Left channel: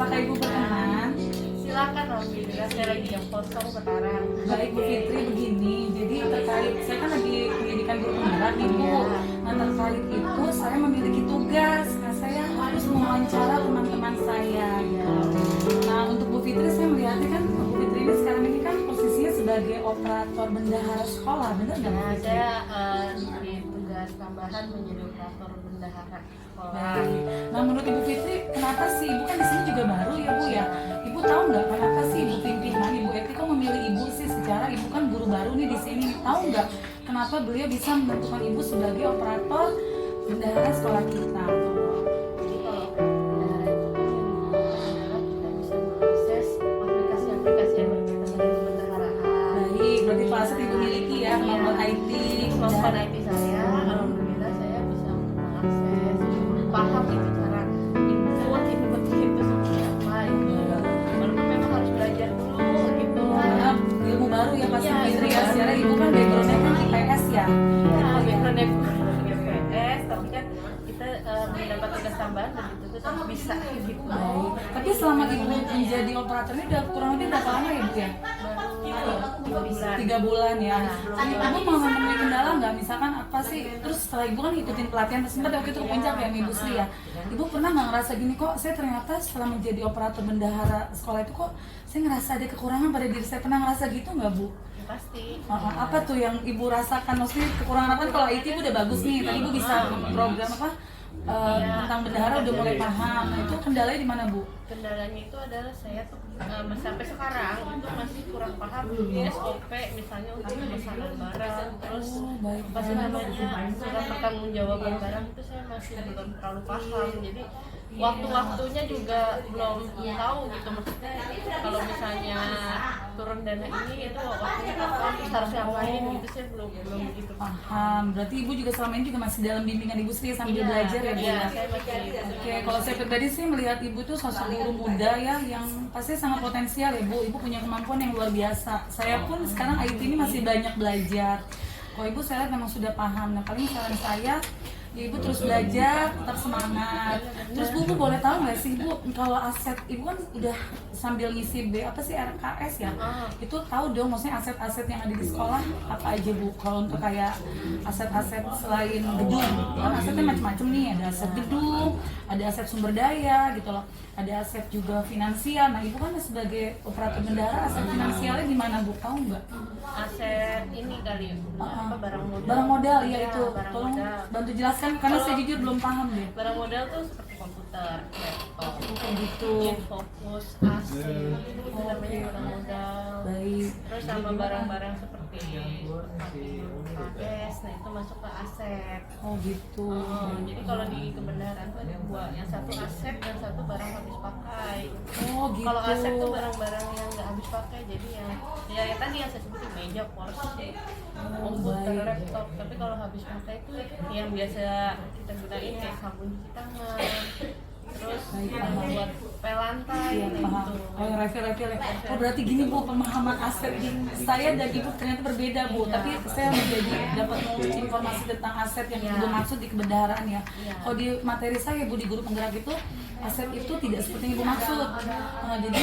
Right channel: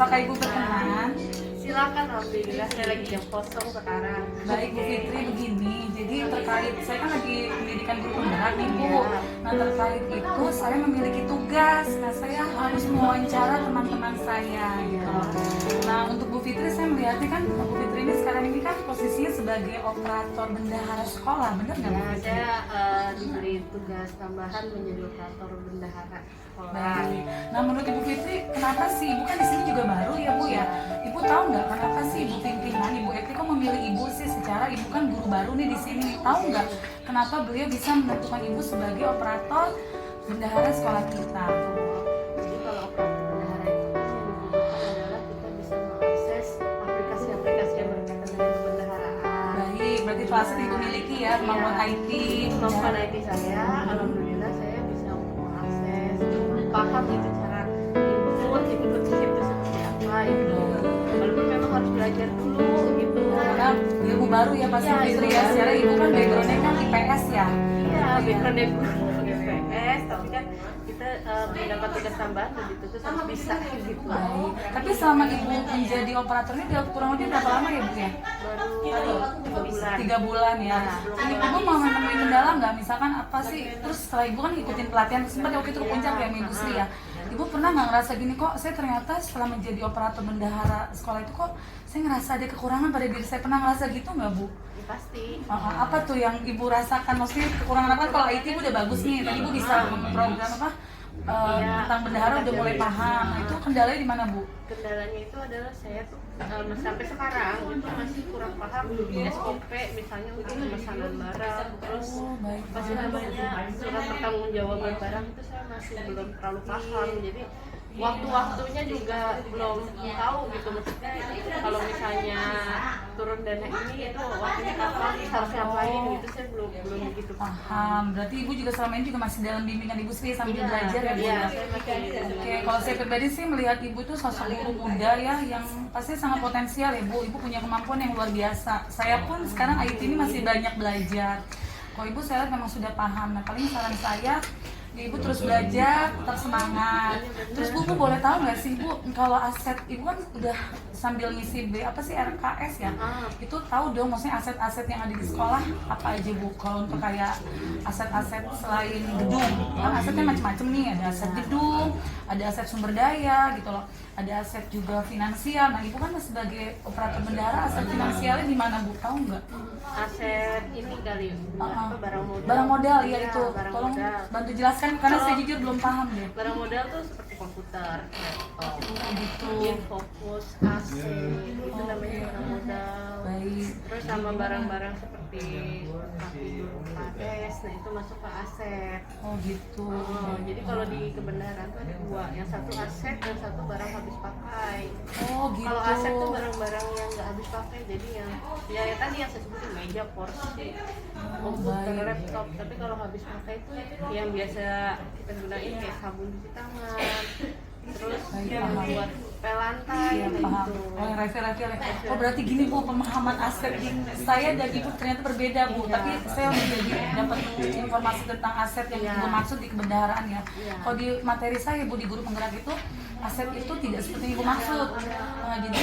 Apakah Ibu berkenan? Silakan, alhamdulillah saya lagi jam kosong sekarang. Baik Bu Fitri, begini. Jadi terkait saya kan lagi pendidikan guru penggerak nih Bu. Nah terkait itu saya memiliki tugas. Nah saya harus mewawancara teman-teman saya gitu. Nah untuk Bu Fitri saya melihatnya kan Bu Fitri ini sekarang ini kan posisinya sebagai operator bendahara sekolah, benar nggak Bu Nah, Fitri? saya diberi tugas tambahan menjadi operator bendahara sekolah. Baik. Nah menurut Ibu Fitri, kenapa sih Ibu kan di sini juga baru ya Bu ya? Ibu tahu nggak kenapa sih Ibu pimpinan Ibu Eti kok memilih Ibu sih? Secara Ibu kan guru baru nih di sini. Tahu nggak kenapa beliau bisa menentukan Ibu sebagai operator bendahara sekolah kita? Jadi kalau operator bendahara itu kan yang dibutuhkan adalah kita bisa mengakses aplikasi-aplikasi yang berkaitan dengan kebendaharaan. Baik, berarti kelasnya Ibu miliki ya kemampuan IT. Kemampuan IT saya, alhamdulillah saya bisa mengakses, paham itu cara input itu seperti apa itu. Walaupun memang harus belajar dulu gitu. Karena ilmu baru ya Pak Fitri ya. Secara Ibu kan backgroundnya kan IPS ya. Iya, background BPS, tapi kan kita mendapat tugas tambahan dan itu tuh sama bisa gitu. Baik. Tapi selama Ibu menjadi operator ini udah kurang lebih berapa lama ya Bu ya? Baru 3 bulan. 3 bulan ya. Ibu mau menemui kendala nggak? Misalkan apa sih? Terus setelah Ibu kan ngikutin pelatihan sempat waktu itu ke puncak ya Ibu Sri ya. Ibu pernah nggak ngerasa gini kok? Saya ternyata setelah menjadi operator bendahara sekolah itu kok saya ngerasa ada kekurangan pada diri saya. Pernah ngerasa gitu nggak Bu? Ya, pasti. Apa tuh yang Ibu rasakan? Maksudnya kekurangan apa? Kalau IT Ibu udah bagus nih. Tadi Ibu bisa program apa? Tentang bendahara udah mulai paham. Nah itu kendalanya di mana Bu? Kendalanya itu adalah saya tuh sampai sekarang itu masih kurang paham SOP misalnya untuk pemesanan barang, terus apa sih namanya surat pertanggungjawaban barang itu saya masih belum terlalu paham. Jadi waktu-waktunya juga belum tahu gitu, maksudnya kalau misalnya turun dana ini itu waktunya kapan harus ngapain gitu saya belum begitu Paham. Berarti Ibu juga selama ini juga masih dalam bimbingan Ibu Sri sambil belajar ya Bu Iya, ya? saya masih Oke, kalau saya pribadi sih melihat Ibu tuh sosok guru muda ya yang pasti sangat potensial ya Bu. Ibu punya kemampuan yang luar biasa. Saya pun sekarang IT ini masih banyak belajar. Kalau Ibu saya lihat memang sudah paham. Nah paling saran saya ya Ibu terus belajar, tetap semangat. Terus Bu boleh tahu nggak sih Bu, kalau aset Ibu kan udah sambil ngisi RKS ya, itu tahu dong maksudnya aset-aset yang ada di sekolah apa aja Bu? Kalau untuk kayak aset-aset selain gedung, kan asetnya macam-macam nih, ada aset gedung, ada aset sumber daya gitu loh, ada aset juga finansial. Nah Ibu kan sebagai operator bendahara, aset finansialnya di mana Bu? Tahu nggak? aset ini kali apa barang modal. Barang modal ya itu, barang tolong modal. bantu jelaskan karena saya jujur belum paham deh. Barang modal tuh seperti komputer, laptop, Gitu. fokus, AC, itu namanya barang modal. Baik. Terus sama barang-barang seperti KS, nah itu masuk ke aset. Oh gitu. Jadi kalau di kebenaran tuh ada dua, yang satu aset dan satu barang habis pakai. Oh gitu. Kalau aset tuh barang-barang yang nggak habis pakai, jadi yang ya tadi yang saya sebutin meja, kursi, komputer, baik. laptop. Tapi kalau habis pakai itu yang biasa kita gunain kayak sabun cuci tangan, terus Baik, yang paham. buat pel lantai, Iya nah paham. itu. Oh yang refill ya. Oh berarti gini Bu, pemahaman aset di saya dan Ibu ternyata berbeda Bu. Tapi saya menjadi dapat informasi tentang aset yang Ibu maksud di kebendaharaan ya. Kalau di materi saya Bu di guru penggerak itu aset itu tidak seperti yang Ibu maksud. Jadi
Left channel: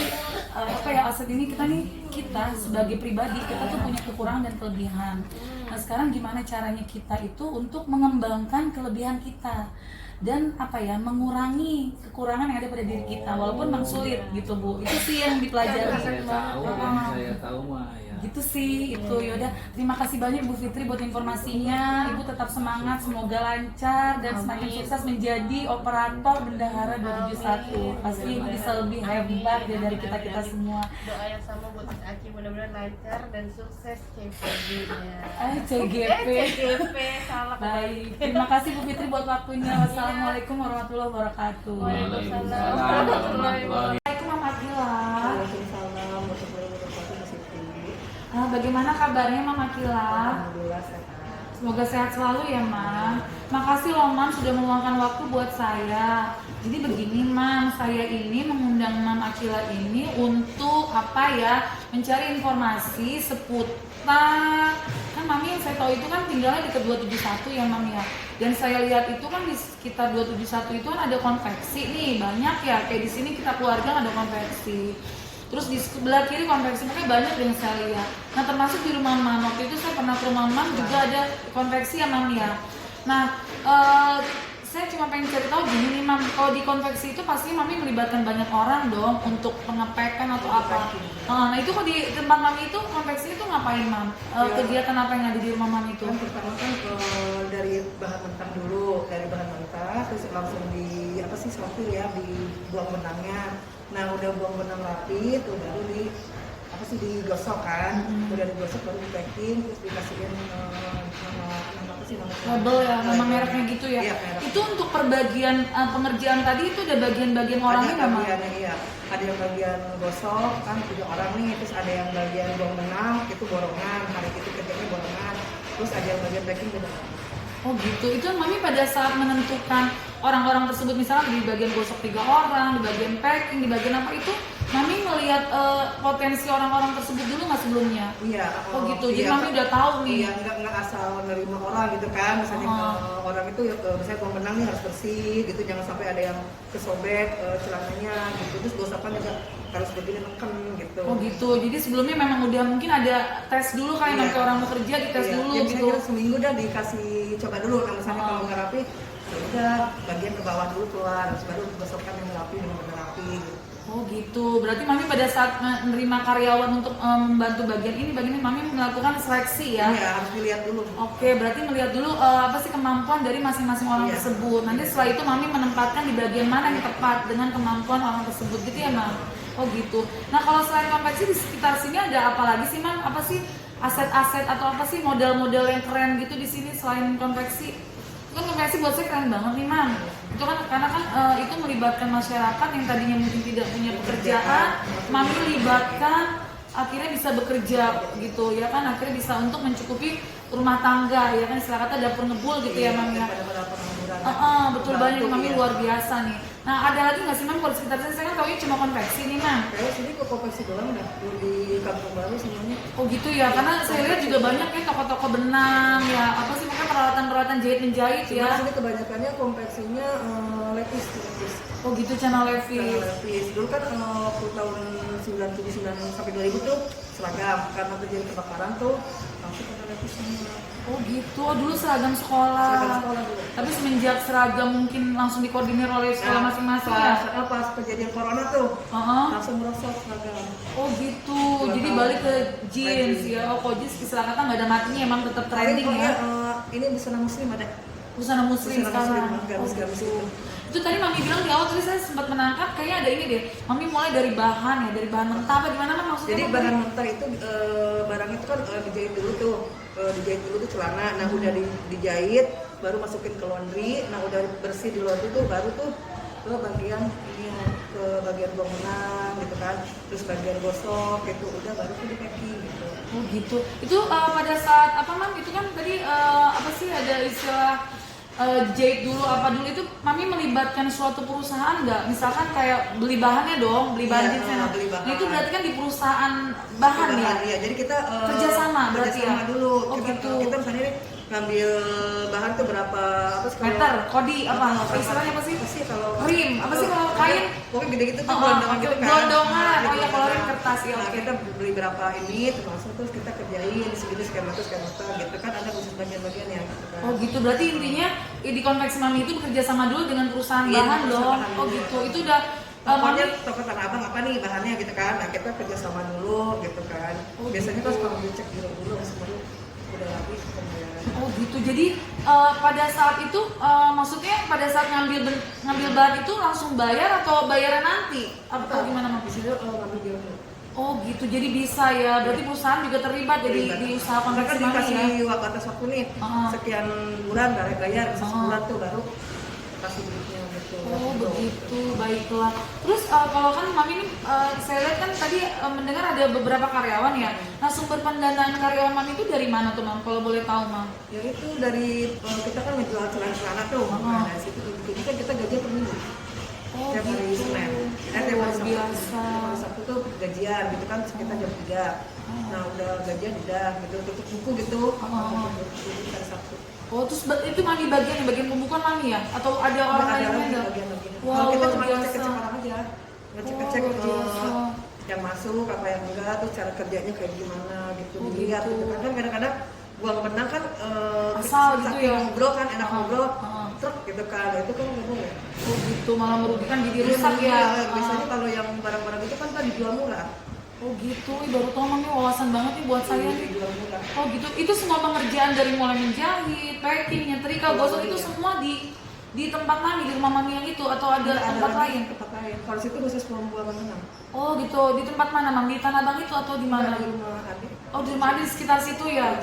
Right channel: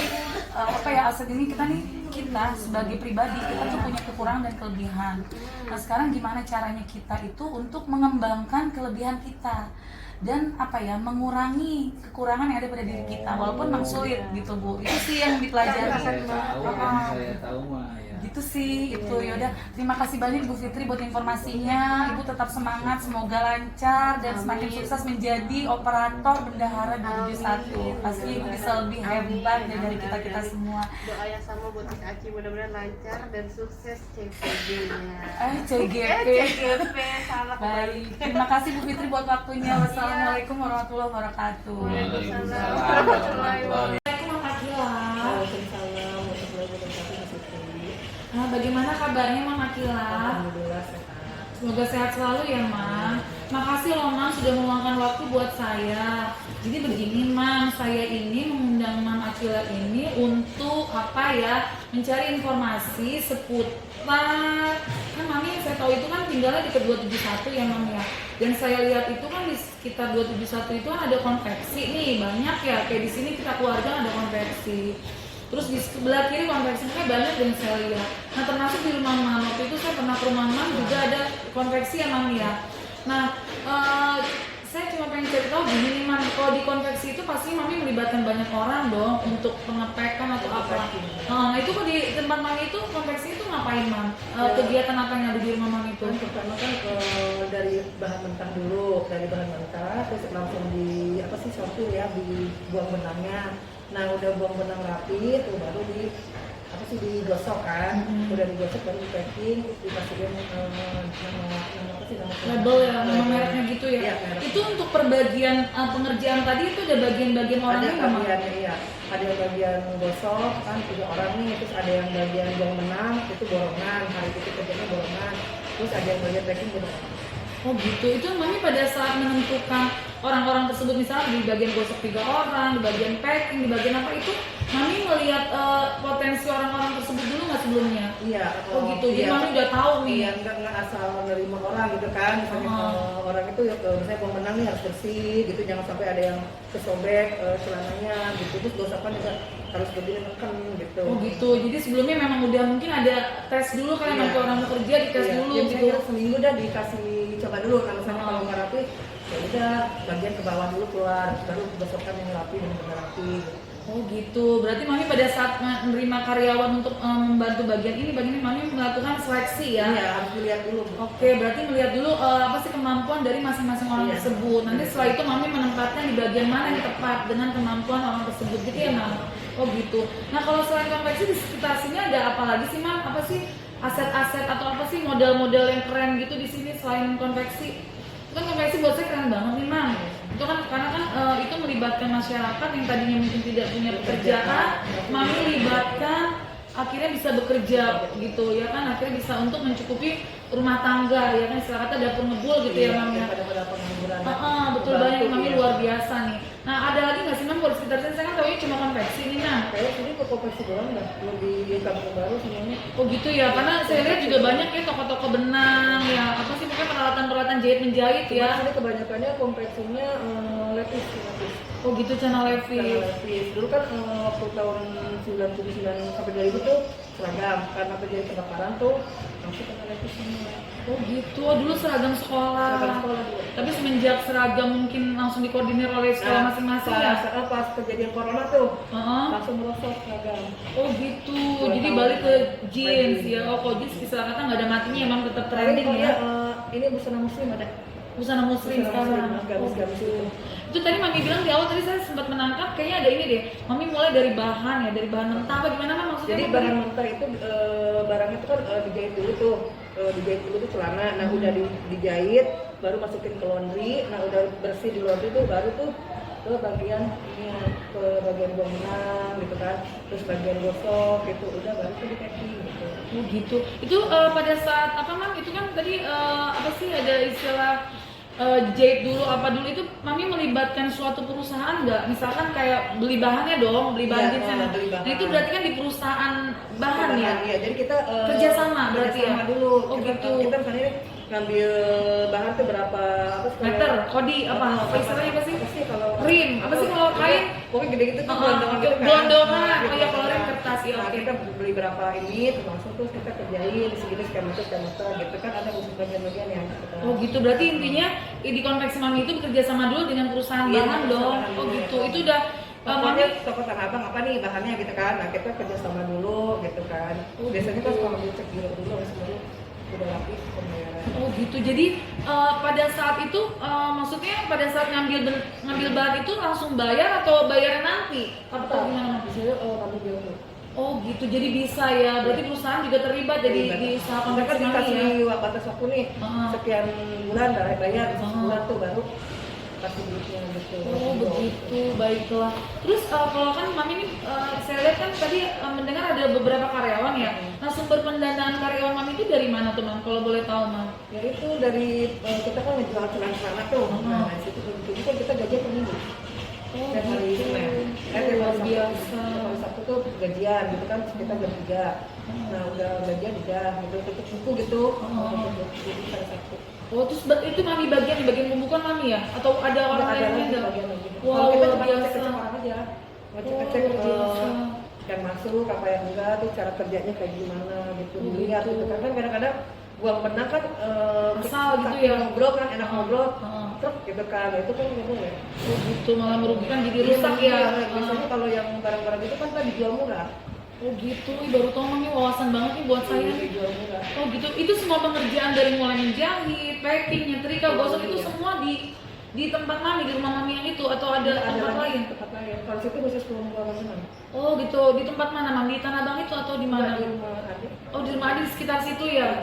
apa ya, aset ini kita sebagai pribadi kita tuh punya kekurangan dan kelebihan. Nah sekarang gimana caranya kita itu untuk mengembangkan kelebihan kita dan apa ya, mengurangi kekurangan yang ada pada diri kita walaupun memang sulit gitu Bu. Itu sih yang dipelajari. Saya tahu mah ya. Gitu sih itu. Yaudah, terima kasih banyak Ibu Fitri buat informasinya. Ibu tetap semangat, semoga lancar dan semakin sukses menjadi operator bendahara 271. Pasti Ibu bisa lebih hebat dari kita semua. Doa yang sama buat Miss Aci, mudah-mudahan lancar dan sukses CPG-nya. CGP. CGP, salah. Baik, terima kasih Bu Fitri buat waktunya. Wassalamualaikum warahmatullahi wabarakatuh. Waalaikumsalam warahmatullahi wabarakatuh. Assalamualaikum Mama Kila. Waalaikumsalam warahmatullahi wabarakatuh. Mas Fitri. Nah, bagaimana kabarnya Mama Kila? Alhamdulillah sehat. Semoga sehat selalu ya, Mam. Makasih loh, Mam, sudah meluangkan waktu buat saya. Jadi begini Mam, saya ini mengundang Mam Akila ini untuk apa ya, mencari informasi seputar, kan Mami yang saya tahu itu kan tinggalnya di ke 271 ya Mam ya. Dan saya lihat itu kan di sekitar 271 itu kan ada konveksi nih, banyak ya, kayak di sini kita keluarga ada konveksi. Terus di sebelah kiri konveksinya banyak yang saya lihat. Nah termasuk di rumah Mam, waktu itu saya pernah ke rumah Mam juga ada konveksi ya Mam ya. Nah saya cuma pengen cari tahu gini Mam, kalau di konveksi itu pasti Mami melibatkan banyak orang dong untuk pengepekan atau apa. Nah itu kok di tempat Mami itu konveksi itu ngapain Mam? Kegiatan apa yang ada di rumah Mami itu? Pertama kan dari bahan mentah dulu, dari bahan mentah terus langsung di apa sih sortir ya, dibuang benangnya. Nah udah buang benang rapi tuh baru di apa sih digosok kan, udah digosok baru di packing terus dikasihin nama apa sih nama label ya, nama mereknya gitu ya. Iya, merek. Itu untuk perbagian pengerjaan tadi itu ada bagian-bagian Ada orangnya nggak Mam? bagiannya iya, ada yang bagian gosok kan 3 orang nih, terus ada yang bagian buang benang itu borongan, hari itu kerjanya borongan, terus ada yang bagian packing beda. Oh gitu, itu Mami pada saat menentukan orang-orang tersebut misalnya di bagian gosok 3 orang, di bagian packing, di bagian apa itu Mami ngelihat potensi orang-orang tersebut dulu nggak sebelumnya? Iya. Oh gitu, jadi iya, Mami udah tahu nih. Iya, nggak asal menerima orang gitu kan, misalnya orang itu ya misalnya buang benang nih harus bersih gitu, jangan sampai ada yang kesobek celananya gitu, terus gosokan juga harus berdiri neken gitu. Oh gitu, jadi sebelumnya memang udah mungkin ada tes dulu kayak Iya. nanti orang mau kerja dites Iya, dulu ya, gitu. misalnya seminggu dah dikasih coba dulu, kan misalnya kalau nggak rapi ya udah bagian ke bawah dulu keluar, terus baru gosokkan yang rapi dengan benar rapi gitu. Oh gitu, berarti Mami pada saat menerima karyawan untuk membantu bagian ini Mami melakukan seleksi ya? Iya, harus dilihat dulu. Oke, berarti melihat dulu apa sih kemampuan dari masing-masing orang Iya. tersebut. Nanti setelah itu Mami menempatkan di bagian mana yang tepat dengan kemampuan orang tersebut gitu ya Mam? Oh gitu. Nah kalau selain konveksi di sekitar sini ada apa lagi sih Mam? Apa sih aset-aset atau apa sih model-model yang keren gitu di sini selain konveksi? Itu kan konveksi buat saya keren banget nih Mam. Itu kan karena kan itu melibatkan masyarakat yang tadinya mungkin tidak punya pekerjaan, Mami melibatkan akhirnya bisa bekerja gitu ya kan, akhirnya bisa untuk mencukupi rumah tangga ya kan, istilah kata dapur ngebul gitu ya Mam ya. Daripada pengangguran. Betul Bantu, banyak Mami iya. luar biasa nih. Nah ada lagi nggak sih Mam kalau di sekitar sini? Saya kan taunya cuma konveksi nih Mam. Kayak sini kok konveksi doang dah, belum di Kampung Baru semuanya. Oh gitu ya, karena saya lihat juga banyak ya toko-toko benang ya, apa sih mungkin peralatan-peralatan jahit menjahit Cuma ya. sini kebanyakannya konveksinya lepis. Oh gitu, channel Levis. Lepis. Dulu kan waktu tahun 99 sampai 2000 tuh seragam, karena terjadi kebakaran tuh langsung kena lepis semua. Oh gitu, oh dulu seragam sekolah. Seragam sekolah dulu. Tapi semenjak seragam mungkin langsung dikoordinir oleh sekolah masing-masing ya. Pas kejadian corona tuh Heeh. langsung merosot seragam. Oh gitu, 2 jadi tahun. balik ke jeans Balik. ya. Oh kok jeans istilah kata nggak ada matinya, emang tetap Paling trending kok ya. ini busana muslim ada. Busana muslim Busana sekarang. muslim, gamis-gamis Oh, gitu. itu. Itu tadi Mami bilang di awal tadi saya sempat menangkap kayaknya ada ini deh. Mami mulai dari bahan ya, dari bahan mentah apa gimana Mam maksudnya? Jadi Mam? bahan mentah itu barang itu kan dijahit dulu tuh, celana. Nah udah dijahit, baru masukin ke laundry. Nah udah bersih di laundry tuh baru tuh ke bagian ini, ke bagian buang benang gitu kan. Terus bagian gosok gitu, udah baru tuh di packing gitu. Oh gitu. Itu pada saat apa Mam? Itu kan tadi apa sih ada istilah jahit dulu apa dulu itu Mami melibatkan suatu perusahaan nggak? Misalkan kayak beli bahannya dong, beli bahan Iya, jeansnya. beli bahan. Nah itu berarti kan di perusahaan bahan ya? Iya, jadi kita Kerjasama berarti kerjasama ya? dulu. Oh, gitu. Kita misalnya nih, ngambil bahan tuh berapa apa sih kalau- Meter, kodi apa istilahnya apa sih? Apa sih kalau Rim, apa sih kalau kain? Pokoknya gede gitu tuh Oh, gelondongan gitu kan. gelondongan. Nah, Oh ya, kalau gelondongan. rim kertas, ya, Nah, oke. kita beli berapa ini terus langsung terus kita kerjain di segini skema gitu kan, ada khusus bagian-bagian ya gitu kan. Oh gitu, berarti intinya di konveksi Mami itu bekerja sama dulu dengan perusahaan Iya, bahan bekerja dong. sama Oh dulu. gitu, itu udah Pokoknya Mami. toko Tanah Abang apa nih bahannya gitu kan. Nah, kita kerjasama dulu gitu kan. Oh, Biasanya gitu. pas kalau dicek dulu semuanya udah rapi pembayaran. Oh gitu, jadi pada saat itu maksudnya pada saat ngambil bahan itu langsung bayar atau bayarnya nanti? Atau gimana Mam? Di sini kami jual dulu. Oh gitu, jadi bisa ya. Berarti perusahaan juga terlibat di usaha Mereka konveksi Mami dikasih ya. batas waktu nih, Heeh. sekian bulan bayar, Heeh. sebulan tuh baru kasih duitnya gitu. Oh begitu, baiklah. Terus kalau kan Mami ini saya lihat kan tadi mendengar ada beberapa karyawan ya. Nah sumber pendanaan karyawan Mami itu dari mana tuh Mam? Kalau boleh tahu Mam? Ya itu dari kita kan ngejual celana tuh. Heeh. Nah, dari situ kan kita gaji per minggu. gajian gitu kan sekitar jam 3. Nah udah gajian udah gitu tutup buku gitu. Tutup buku hari Sabtu. Oh terus itu mami bagian pembukuan mami ya? Atau ada orang Ada lain lagi yang bagian lagi. Wow, Kalau kita cuma luar ngecek-ngecek biasa. orang aja, ngecek-ngecek Oh, luar biasa. yang masuk apa yang enggak, terus cara kerjanya kayak gimana gitu, Oh, dilihat gitu. gitu kan. Kan kadang-kadang buang benang kan Asal gitu saking ya? ngobrol kan, enak ngobrol, Heeh. truk gitu kan, nah, itu kan nggak boleh. Oh gitu, malah merugikan jadi rusak ya? Biasanya kalau yang barang-barang itu kan dijual murah. Oh gitu, ih, baru tau mami wawasan banget nih buat saya nih. Dijual murah. Oh gitu, itu semua pengerjaan dari mulai menjahit, packing, nyetrika, gosok itu Iya. semua di tempat mami, di rumah mami yang itu atau ada tempat lagi lain? tempat lain. Kalau situ khusus buang benang. Oh gitu, di tempat mana mami? Di Tanah Abang itu atau di mana? Di rumah adik. Oh di rumah ada di sekitar situ ya?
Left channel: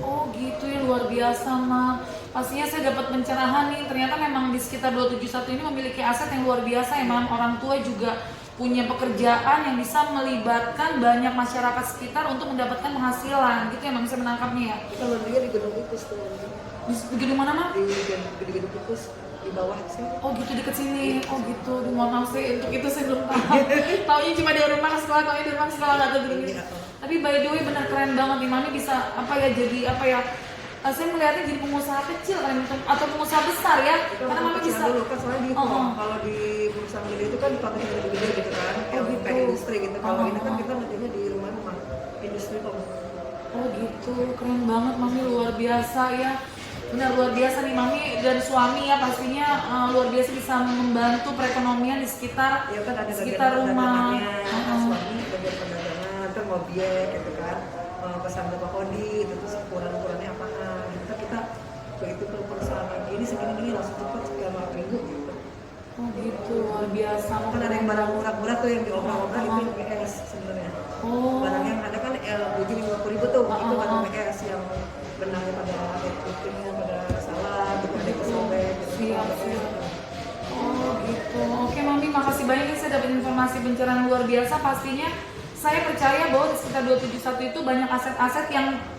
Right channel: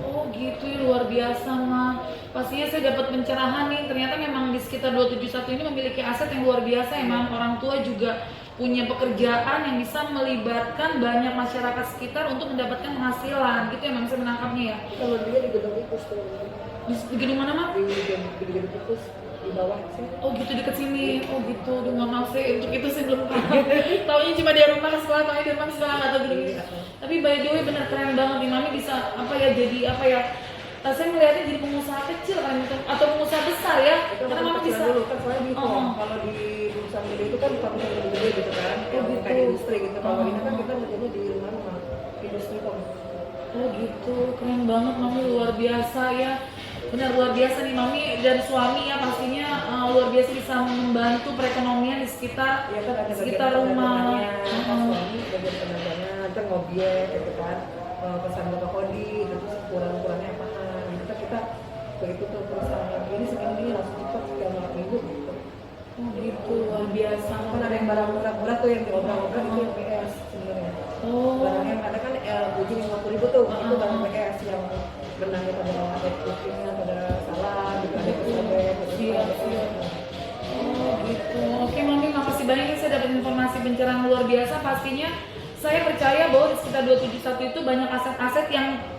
Oh gitu ya, luar biasa mah. Pastinya saya dapat pencerahan nih, ternyata memang di sekitar 271 ini memiliki aset yang luar biasa ya mam. Orang tua juga punya pekerjaan yang bisa melibatkan banyak masyarakat sekitar untuk mendapatkan penghasilan gitu ya mam, bisa menangkapnya ya. Kalau dia di gedung Ikus tuh. Di gedung mana mam? Di gedung Ikus di bawah sih. Oh gitu deket sini, oh gitu, aduh mohon maaf saya untuk itu saya belum tahu. Taunya cuma dari rumah sekolah, taunya dari rumah sekolah atau gedung itu. Tapi by the way benar keren banget nih mami bisa apa ya jadi apa ya? Saya melihatnya jadi pengusaha kecil kan atau pengusaha besar ya, Itu karena mami kecil bisa. dulu kan soalnya gitu. Oh. Kalau di perusahaan gede itu kan pabrik yang gede gitu kan, yang gitu. kayak industri gitu. Kalau Oh. ini kan kita kerjanya di rumah industri kok. Oh gitu, keren banget mami, luar biasa ya. Benar luar biasa nih mami dan suami ya pastinya luar biasa bisa membantu perekonomian di sekitar Ya kan ada sekitar bagian rumah. perdagangannya, kan suami bagian perdagangan, ntar ngobiek gitu kan, pesan Bapak Kodi, terus kurang-kurangnya apaan, gitu kita begitu tuh perusahaan ini segini langsung cepat sekian minggu gitu. Oh gitu, luar biasa. Kan ada yang barang murah-murah tuh yang diobrak-obrak itu yang PS sebenarnya. Oh. Barang yang ada kan biji 50.000 tuh, itu barang PS yang benangnya pada bikinnya pada salah, gitu ada yang kesobek, gitu. Siap, siap. Oh gitu. Oke mami, makasih banyak nih saya dapat informasi pencerahan luar biasa. Pastinya saya percaya bahwa di sekitar 271 itu banyak aset-aset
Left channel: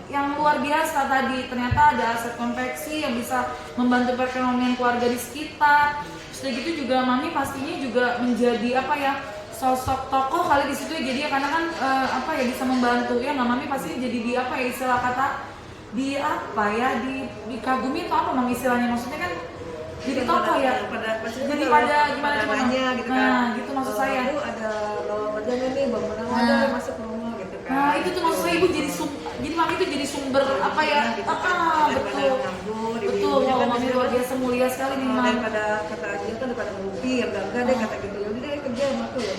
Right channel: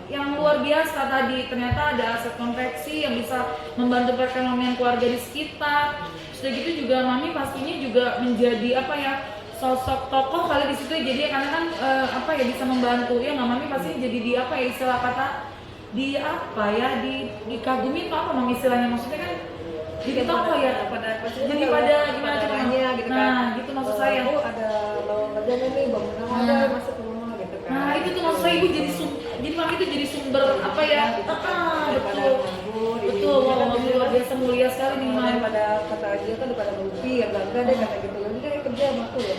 yang luar biasa tadi. Ternyata ada aset konveksi yang bisa membantu perekonomian keluarga di sekitar. Sudah gitu juga mami pastinya juga menjadi apa ya, sosok tokoh kali di situ ya, jadi ya karena kan apa ya bisa membantu ya nggak mami pasti jadi di apa ya istilah kata di apa ya dikagumi atau apa mami istilahnya, maksudnya kan jadi tokoh ya jadi pada gimana tuh, nanya gitu kan. nah gitu maksud saya. Bu ada lowongan kerja nggak nih, bang benang ada masuk ke rumah gitu kan. Nah itu tuh maksud saya ibu jadi mami itu jadi sumber apa ya, daripada betul nganggur, betul, ibu-ibunya kan mami biasanya luar kan, biasa mulia sekali nih mami. daripada kata dia kan daripada mungkir, enggak deh kata gitu, ya udah deh kerja sama aku ya.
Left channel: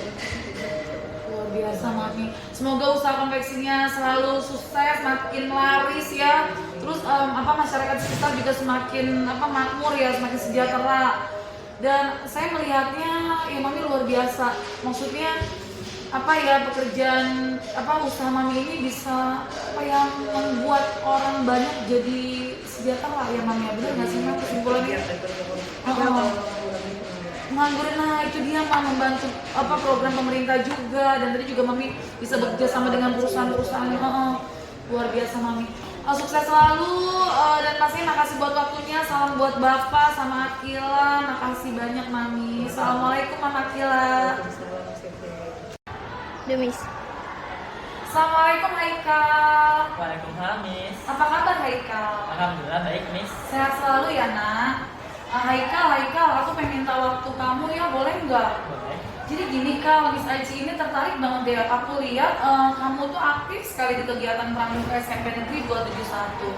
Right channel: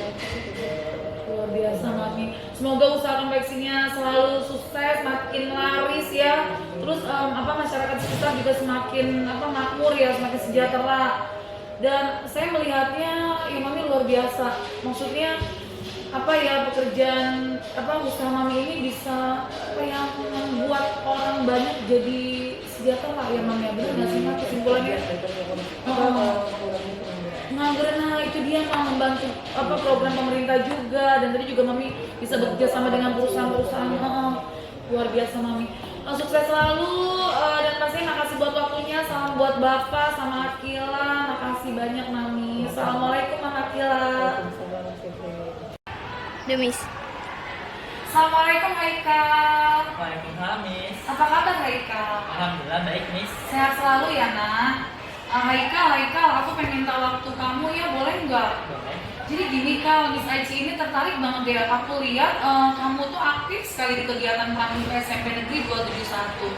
Luar biasa mami. Semoga usaha konveksinya selalu sukses, makin laris ya. Terus apa masyarakat sekitar juga semakin apa makmur ya, semakin sejahtera. Dan saya melihatnya ya mami luar biasa. Maksudnya apa ya pekerjaan apa usaha mami ini bisa apa ya membuat orang banyak jadi sejahtera ya mami ya, benar nggak sih mami kesimpulannya? Nganggurin, nah itu dia mah membantu apa program pemerintah juga, dan tadi juga mami bisa bekerja sama dengan perusahaan-perusahaan. Luar biasa mami. Sukses selalu dan pastinya makasih buat waktunya. Salam buat bapak sama Akila, makasih banyak mami. Assalamualaikum mama Akila. Demis. Assalamualaikum Haikal. Waalaikumsalam, Miss. Apa kabar Haikal? Alhamdulillah baik, Miss. Sehat selalu ya nak. Haikal, aku pengen minta waktu kamu ya, boleh nggak? Boleh. Jadi gini Kak, Miss Aici ini tertarik banget deh. Aku lihat kamu tuh aktif sekali di kegiatan Pramuka SMP Negeri 271.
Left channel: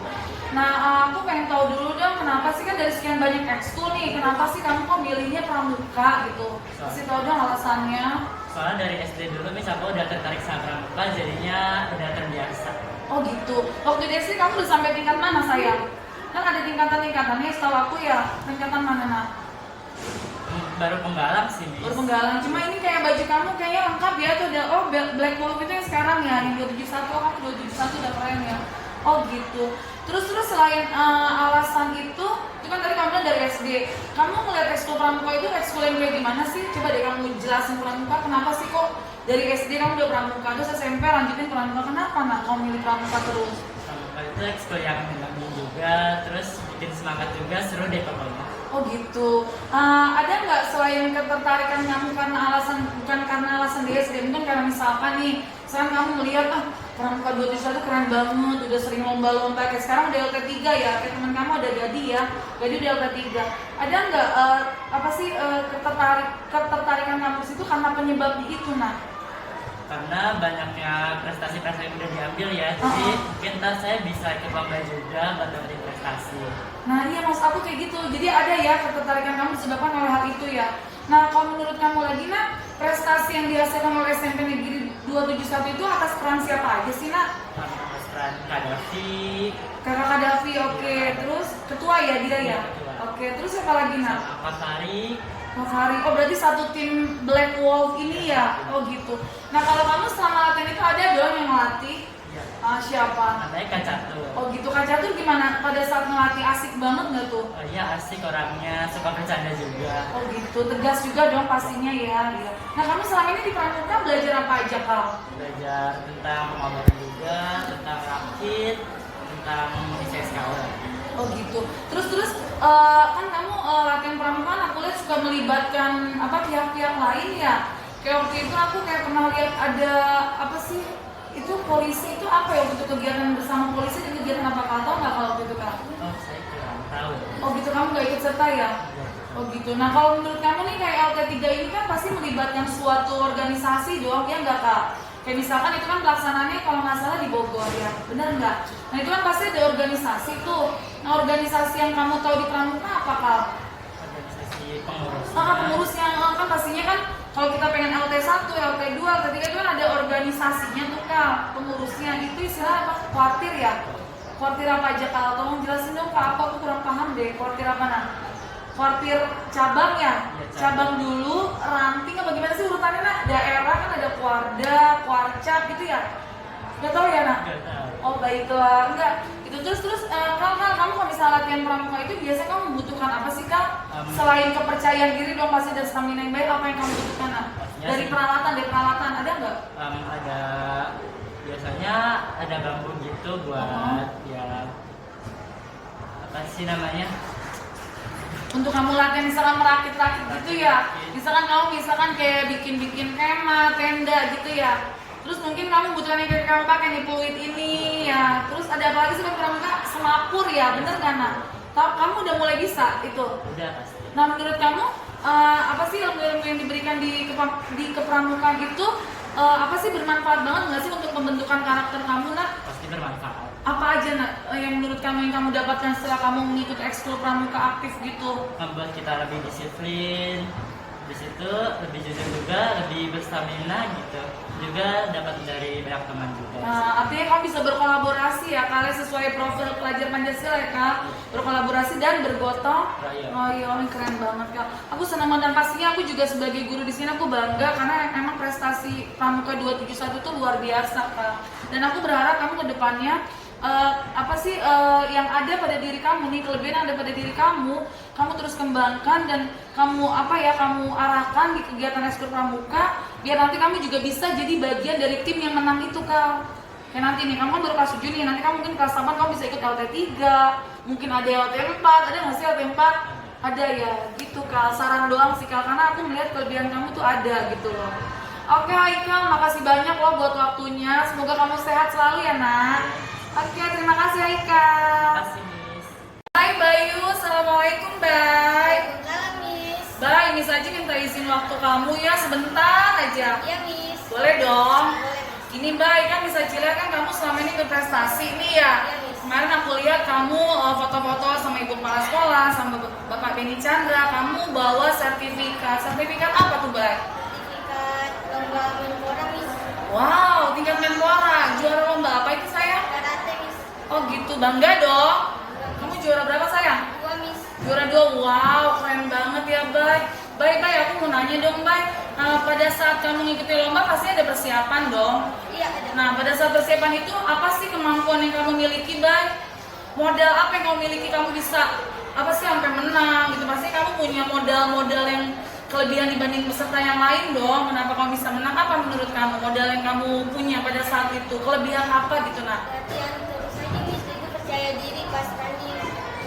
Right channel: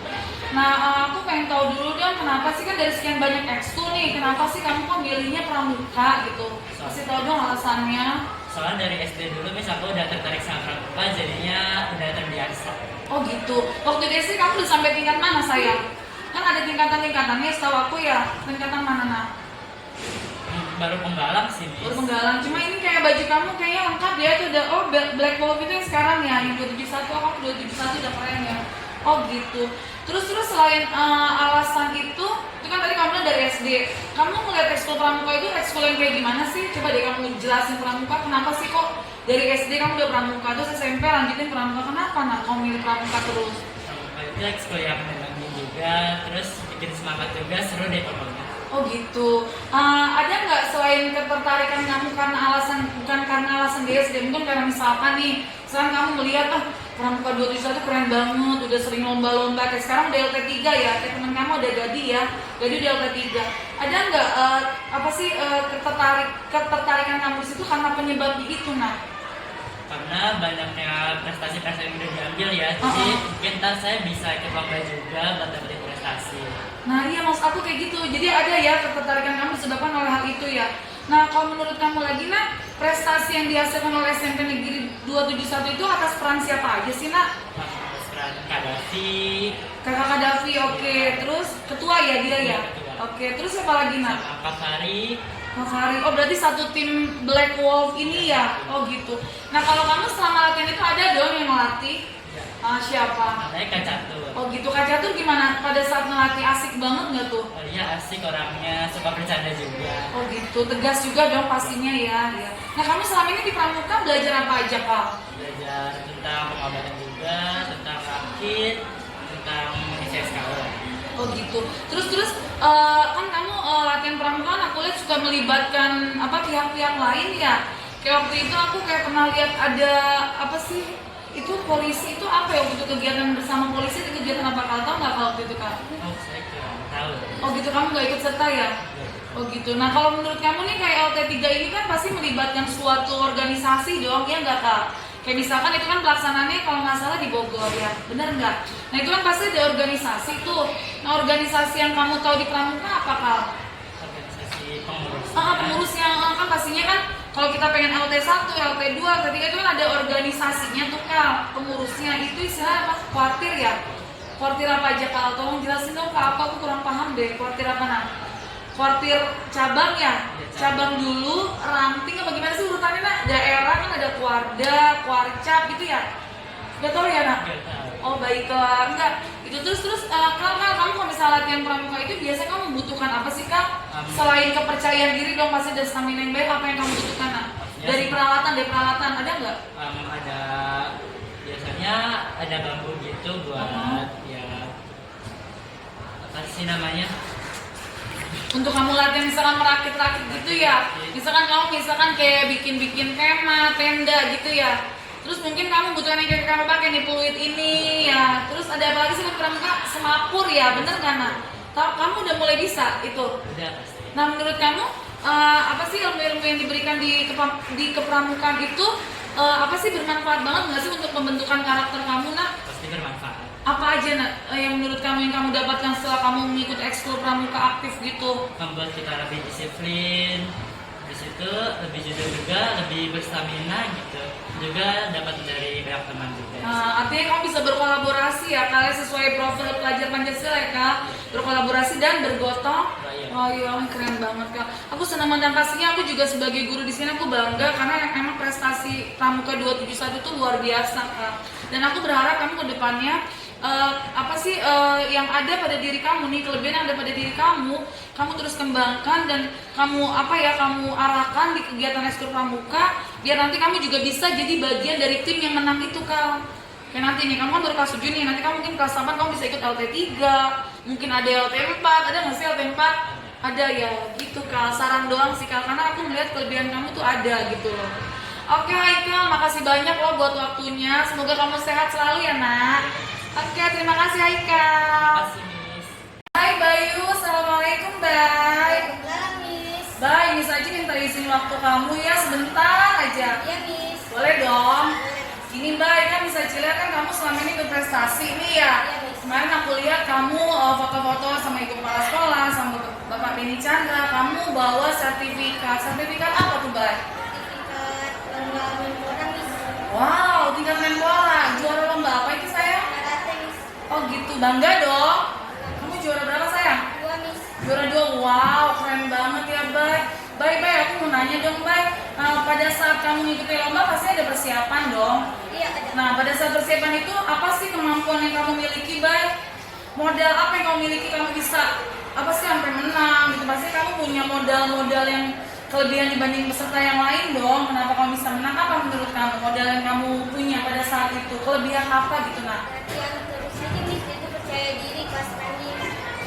Nah, aku pengen tahu dulu dong, kenapa sih kan dari sekian banyak ekskul nih, kenapa sih kamu kok milihnya Pramuka gitu? Kasih tahu dong alasannya. Soalnya dari SD dulu, Miss, aku udah tertarik sama pramuka, jadinya udah terbiasa. Oh gitu. Waktu di SD kamu udah sampai tingkat mana sayang? Kan ada tingkatan-tingkatannya, setahu aku ya. Tingkatan mana nak? Baru penggalang sih, Miss. Baru penggalang. Cuma ini kayak baju kamu kayaknya lengkap ya tuh udah. Oh Black Wolf itu yang sekarang ya, yang 271. Oh 271 udah keren ya. Oh gitu. Terus selain alasan itu kan tadi kamu bilang dari SD. Kamu ngeliat ekskul pramuka itu ekskul yang kayak gimana sih? Coba deh kamu jelasin pramuka. Kenapa sih kok dari SD kamu udah pramuka, terus SMP lanjutin pramuka? Kenapa nak kamu milih pramuka terus? Pramuka itu ekskul yang menyenangkan juga, terus bikin semangat juga, seru deh pokoknya. Oh gitu. Ada nggak selain ketertarikan kamu karena alasan, bukan karena alasan DSD, mungkin karena misalkan nih sekarang kamu melihat Pramuka 271 keren banget, udah sering lomba-lomba, kayak sekarang udah LT3 ya, kayak temen kamu ada Gadi ya, Gadi udah LT3. Ada nggak apa sih ketertarikan kamu di situ karena penyebab itu nah? Karena banyaknya prestasi-prestasi yang udah diambil ya, jadi mungkin ntar saya bisa ikut lomba juga buat dapetin prestasi. Nah iya maksud aku kayak gitu, jadi ada ya ketertarikan kamu disebabkan oleh hal itu ya. Nah kalau menurut kamu lagi nak, prestasi yang dihasilkan oleh SMP Negeri 271 itu atas peran siapa aja sih nak? Peran Kadafi, Kakak Kadafi, oke. Terus ketua ya dia ya? Oke, terus siapa lagi nak? Angkat Fari, Mas Hari, oh berarti satu tim Black Wolf ini ya? Oh gitu. Nah kalau kamu selama latihan itu ada dong yang ngelatih? Siapa? namanya Kak Catur. Oh gitu, Kak Catur gimana? Pada saat ngelatih asik banget nggak tuh? Oh iya asik orangnya, suka bercanda juga. Oh gitu, tegas juga dong pastinya ya. Nah kamu selama ini di Pramuka belajar apa aja Kak? Belajar tentang pengobatan juga, tentang rakit, tentang isi SKO. Oh gitu. Terus kan kamu latihan Pramuka kan aku lihat suka melibatkan apa pihak-pihak lain ya. Kayak waktu itu aku kayak pernah lihat ada apa sih? Itu polisi itu apa ya waktu itu kegiatan bersama polisi, itu kegiatan apa kalau tahu nggak kalau waktu itu Kak? Oh saya kurang tahu. Oh gitu, kamu nggak ikut serta ya? Oh gitu. Nah kalau menurut kamu nih kayak LT3 ini kan pasti melibatkan suatu organisasi dong, ya nggak Kak? Kayak misalkan itu kan pelaksanaannya kalau nggak salah di Bogor ya, bener nggak? Nah itu kan pasti ada organisasi tuh. Nah organisasi yang kamu tahu di Pramuka apa Kak? Organisasi pengurus. Pengurusnya kan pastinya kan kalau kita pengen LT1, LT2, LT3 itu kan ada organisasinya tuh Kak. Pengurusnya itu istilah apa? Kuartir ya? Kuartir apa aja Kak? Tolong jelasin dong Kak, aku kurang paham deh. Kuartir apa nah? Kuartir cabang ya? Cabang dulu, ranting apa gimana sih urutannya nak? Daerah kan ada kuarda, kuarcap gitu ya? Gak tau ya nak? Nggak tahu. Oh baiklah, enggak. Itu terus Kak, kamu kalau misalnya latihan Pramuka itu biasanya kamu membutuhkan apa sih Kak? Selain kepercayaan diri dong pasti ada stamina yang baik, apa yang kamu butuhkan nak? Dari peralatan ada nggak? Ada biasanya ada bambu gitu buat ya apa sih namanya? Untuk kamu latihan misalkan merakit-rakit gitu ya? Misalkan kamu kayak bikin kemah, tenda gitu ya? Terus mungkin kamu butuhkan yang kayak kamu pakai nih peluit ini ya. Terus ada apa lagi sih buat Pramuka? Semapur ya, bener kan nak? Kamu udah mulai bisa itu? Udah pasti. Nah menurut kamu apa sih ilmu-ilmu yang diberikan di kepramukaan itu apa sih bermanfaat banget nggak sih untuk pembentukan karakter kamu nak? Pasti bermanfaat. Apa aja nak yang menurut kamu yang kamu dapatkan setelah kamu mengikuti ekskul pramuka aktif gitu? Membuat kita lebih disiplin, di situ lebih jujur juga, lebih berstamina gitu. Juga dapat dari banyak teman juga. Artinya kamu bisa berkolaborasi ya, kalian sesuai profil pelajar Pancasila ya Kak, berkolaborasi dan bergotong. Oh iya, keren banget Kak. Aku senang banget dan pastinya aku juga sebagai guru di sini aku bangga karena emang prestasi Pramuka 271 itu luar biasa Kak. Dan aku berharap kamu ke depannya apa sih yang ada pada diri kamu nih, kelebihan yang ada pada diri kamu terus kembangkan dan kamu arahkan di kegiatan ekskul pramuka biar nanti kamu juga bisa jadi bagian dari tim yang menang itu Kak. Kayak nanti nih kamu kan baru kelas 7 nih, nanti kamu mungkin kelas 8 kamu bisa ikut LT3, mungkin ada LT4, ada nggak sih LT4? Ada ya, gitu Kak, saran doang sih Kak, karena aku melihat kelebihan kamu tuh ada gitu loh. Oke Haikal, makasih banyak loh buat waktunya, semoga kamu sehat selalu ya nak. Oke, terima kasih Haikal. Kasih Miss. Hai Bayu, assalamualaikum Bay. Miss. Bay, Miss aja minta izin waktu kamu ya sebentar aja. Ya, Miss. Boleh dong. Boleh. Ini Bay, kan Miss Acila kan kamu selama ini berprestasi nih ya. Iya, Miss. Kemarin aku lihat kamu foto-foto sama ibu kepala sekolah, sama Bapak Beni Chandra. Kamu bawa sertifikat. Sertifikat apa tuh Bay? Sertifikat lomba menpora, Miss. Wow, tingkat Menpora. Juara lomba apa itu sayang? Karate, Miss. Oh gitu, bangga dong. Kamu juara berapa sayang? 2, Miss. Juara 2, wow keren banget ya Bay. Bay, aku mau nanya dong Bay. Pada saat kamu ngikutin lomba pasti ada persiapan dong. Iya, ada. Nah pada saat persiapan itu apa sih kemampuan yang kamu miliki Bay? Modal apa yang kamu miliki kamu bisa apa sih sampai menang gitu? Pasti kamu punya modal-modal yang kelebihan dibanding peserta yang lain dong. Kenapa kamu bisa menang? Apa menurut kamu modal yang kamu punya pada saat itu? Kelebihan apa gitu nak? Latihan terus aja, Miss. Jadi percaya diri pas tanding.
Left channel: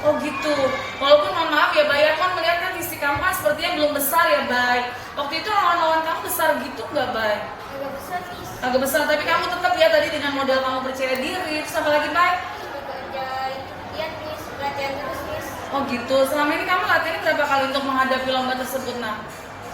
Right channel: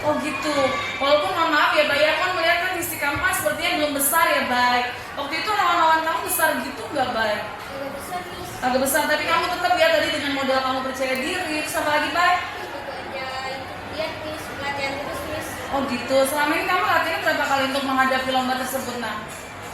Oh gitu. Walaupun mohon maaf ya Bay, aku kan melihat kan fisik kamu kan sepertinya belum besar ya Bay. Waktu itu lawan-lawan kamu besar gitu nggak Bay? Agak besar Miss. Agak besar, tapi kamu tetap ya tadi dengan modal kamu percaya diri. Terus apa lagi Bay? Aku aja lihat Miss, latihan terus Miss. Oh gitu. Selama ini kamu latihan berapa kali untuk menghadapi lomba tersebut nah?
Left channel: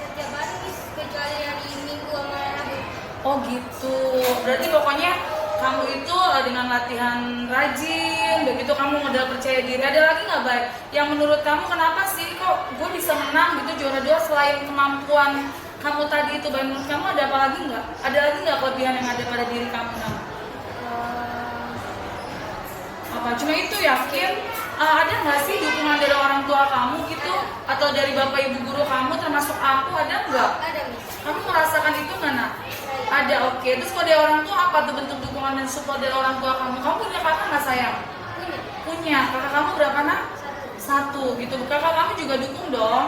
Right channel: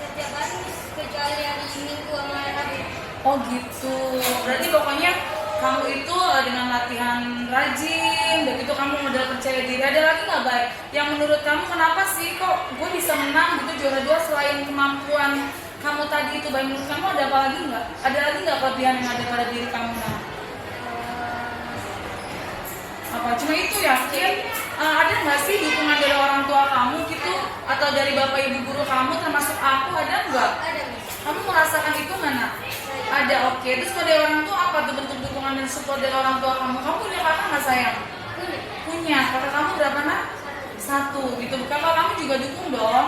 Setiap hari Miss, kecuali hari Minggu sama Rabu. Oh gitu. Berarti pokoknya kamu itu dengan latihan rajin, begitu kamu modal percaya diri. Ada lagi nggak Bay? Yang menurut kamu kenapa sih kok gue bisa menang gitu juara 2 selain kemampuan kamu tadi itu Bay? Menurut kamu ada apa lagi nggak? Ada lagi nggak kelebihan yang ada pada diri kamu nah? Apa cuma itu yakin? Ada nggak sih dukungan dari orang tua kamu gitu atau dari bapak ibu guru kamu termasuk aku, ada nggak? Ada Miss. Kamu merasakan itu mana? Ada, oke. Terus kalau dari orang tua apa tuh bentuk dukungan dan support dari orang tua kamu? Kamu punya kakak nggak sayang? Punya. Punya. Kakak kamu berapa nak? 1 gitu. Kakak kamu juga dukung dong?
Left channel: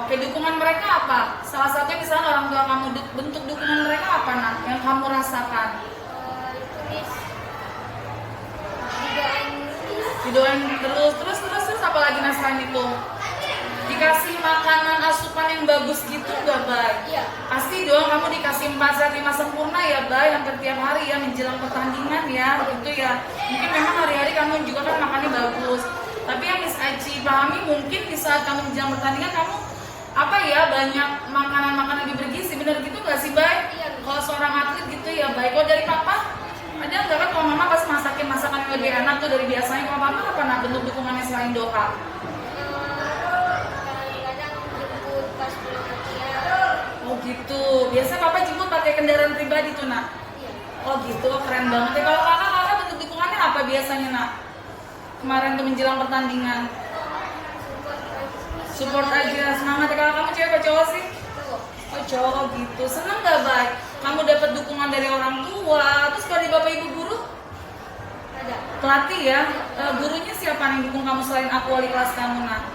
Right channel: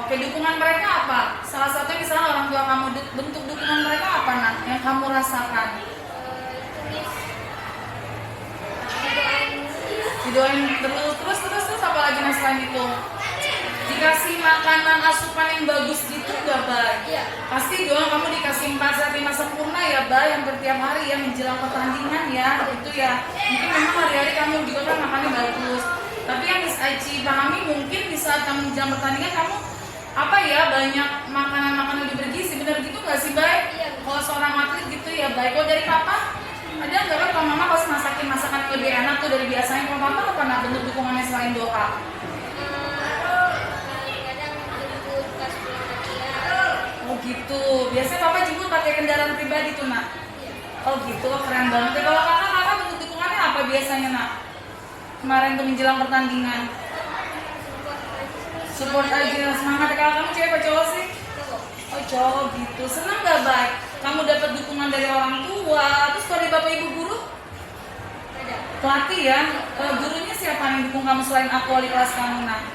Oke, dukungan mereka apa? Salah satunya misalnya orang tua kamu, bentuk dukungan mereka apa nak? Yang kamu rasakan? Itu Miss. Didoain terus apa lagi mas selain itu? Dikasih makanan asupan yang bagus gitu gak Bay? Iya. Pasti dong kamu dikasih 4 sehat 5 sempurna ya Bay, hampir tiap hari ya menjelang pertandingan ya gitu ya. Mungkin memang hari-hari kamu juga kan makannya bagus, tapi yang Miss Aci pahami mungkin di saat kamu menjelang pertandingan kamu apa ya banyak makanan-makanan yang bergizi, bener gitu gak sih Bay? Iya. Kalau seorang atlet gitu ya Bay. Kalau dari papa ada nggak kan kalau mama pas masakin masakan yang lebih enak tuh dari biasanya, kalau mama apa nak bentuk dukungannya selain doa? Kadang jemput pas pulang latihan. Oh gitu. Biasanya papa jemput pakai kendaraan pribadi tuh nak. Iya. Oh gitu, keren banget. Kalau kakak bentuk dukungannya apa biasanya nak? Kemarin tuh menjelang pertandingan. Support aja, semangat. Kalau kamu cewek apa cowok sih? Oh cowok gitu. Seneng gak Bay? Kamu dapat dukungan dari orang tua. Terus kalau di bapak ibu guru? Ada. Pelatih ya. Gurunya siapa yang dukung kamu selain aku wali kelas kamu nak?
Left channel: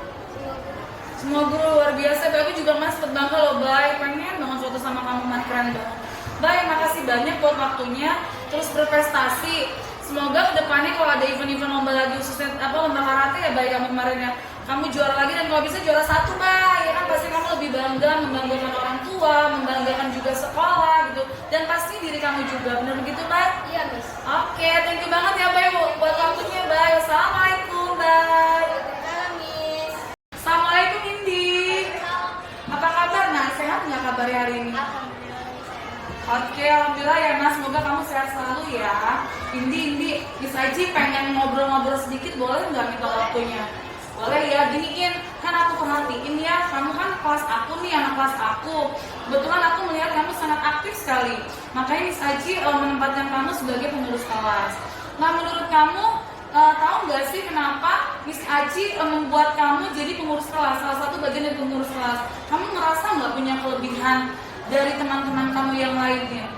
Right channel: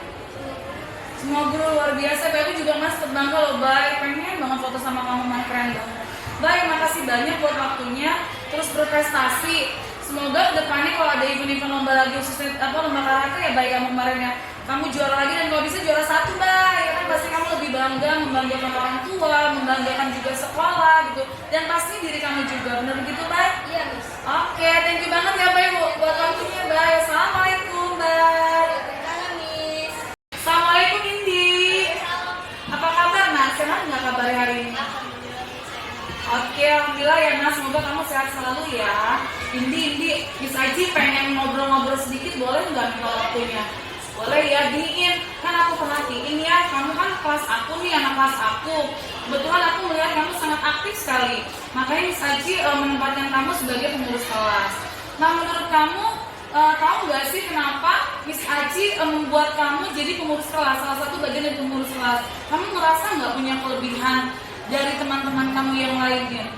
Semua guru luar biasa. Bay, aku juga mas terbangga loh Bay. Pengen banget foto sama kamu, mas keren banget. Bay, makasih banyak buat waktunya. Terus berprestasi. Semoga kedepannya kalau ada event-event lomba lagi khususnya lomba karate ya Bay kamu kemarin ya. Kamu juara lagi dan kalau bisa juara 1 Bay. Ya kan pasti kamu lebih bangga, membanggakan orang tua, membanggakan juga sekolah gitu. Dan pasti diri kamu juga. Bener begitu Bay? Iya Miss. Oke, thank you banget ya Bay buat waktunya Bay. Assalamualaikum Bay. Salam Miss. Assalamualaikum Indi. Apa kabar nak? Sehat nggak kabarnya hari ini? Oke, alhamdulillah ya Mas, semoga kamu sehat selalu ya. Indi, Miss Aji pengen ngobrol-ngobrol sedikit, boleh nggak minta waktunya? Boleh ya, giniin. Kan aku perhatiin ya, kamu kan kelas aku nih, anak kelas aku. Kebetulan aku melihat kamu sangat aktif sekali. Makanya Miss Aji menempatkan kamu sebagai pengurus kelas. Nah, menurut kamu, tahu nggak sih kenapa Miss Aji membuat kamu jadi pengurus kelas? Salah satu bagian dari pengurus kelas. Kamu merasa nggak punya kelebihan dari teman-teman kamu yang lainnya?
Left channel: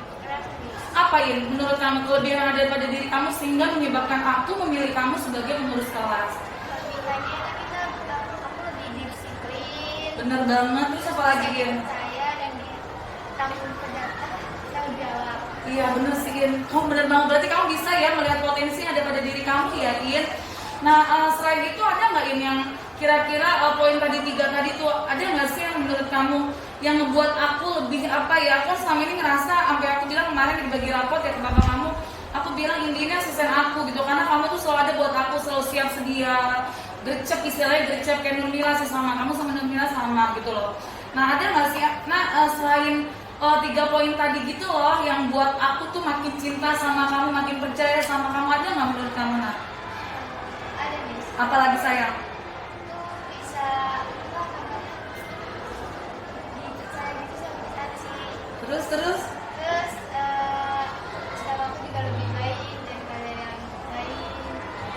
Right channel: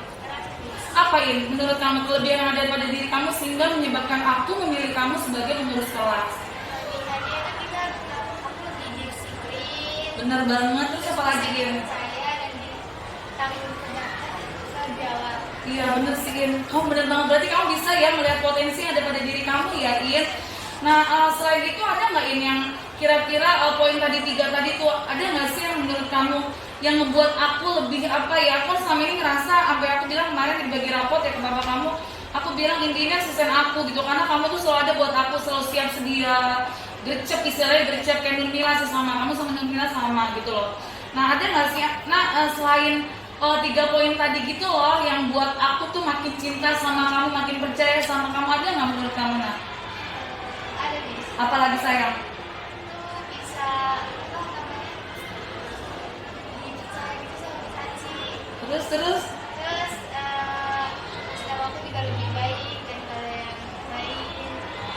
Apa ini menurut kamu kelebihan yang ada pada diri kamu sehingga menyebabkan aku memilih kamu sebagai pengurus kelas? Aku lebih disiplin. Bener banget. Terus apa lagi In? Saya dan tanggung jawab. Iya bener sih In. Kamu bener banget, berarti kamu bisa ya melihat potensi yang ada pada diri kamu ya In. Nah selain itu ada nggak In yang kira-kira poin tadi 3 tadi tuh ada nggak sih yang menurut kamu yang membuat aku lebih apa ya, aku selama ini ngerasa sampai aku bilang kemarin di bagi rapot ya ke bapak kamu, aku bilang intinya asisten aku gitu, karena kamu tuh selalu ada buat aku, selalu siap sedia, gercep istilahnya, gercep kayak Nurmila sih sama kamu, sama Nurmila sama gitu loh. Nah ada nggak sih, selain 3 poin tadi gitu loh yang buat aku tuh makin cinta sama kamu, makin percaya sama kamu, ada nggak menurut kamu Nak? Ada Miss. Apalagi sayang? Bisa Terus terus setiap aku juga lebih baik daripada yang lain.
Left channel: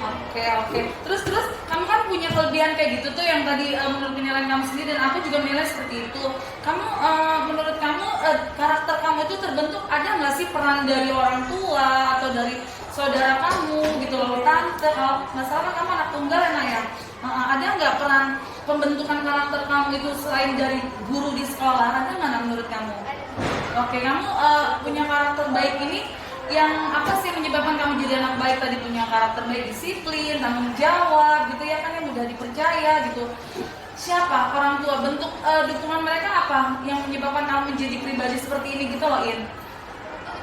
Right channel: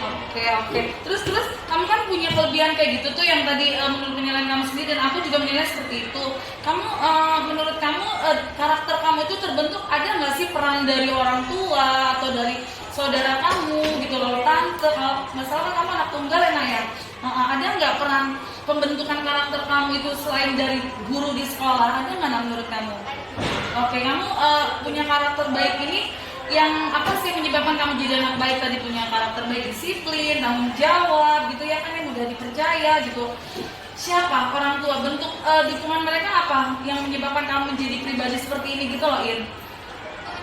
Oke. Terus kamu kan punya kelebihan kayak gitu tuh yang tadi menurut penilaian kamu sendiri dan aku juga menilai seperti itu. Kamu menurut kamu karakter kamu itu terbentuk, ada nggak sih peran dari orang tua atau dari saudara kamu gitu loh, tante? Kalau nggak salah kamu anak tunggal ya Naya. Ada nggak peran pembentukan karakter kamu itu selain dari guru di sekolah? Ada nggak menurut kamu? Oke, kamu punya karakter baik ini yang apa sih yang menyebabkan kamu jadi anak baik tadi, punya karakter baik, disiplin, tanggung jawab gitu ya kan, yang mudah dipercaya gitu. Siapa orang tua, bentuk dukungan mereka apa yang menyebabkan kamu menjadi pribadi seperti ini gitu loh, In?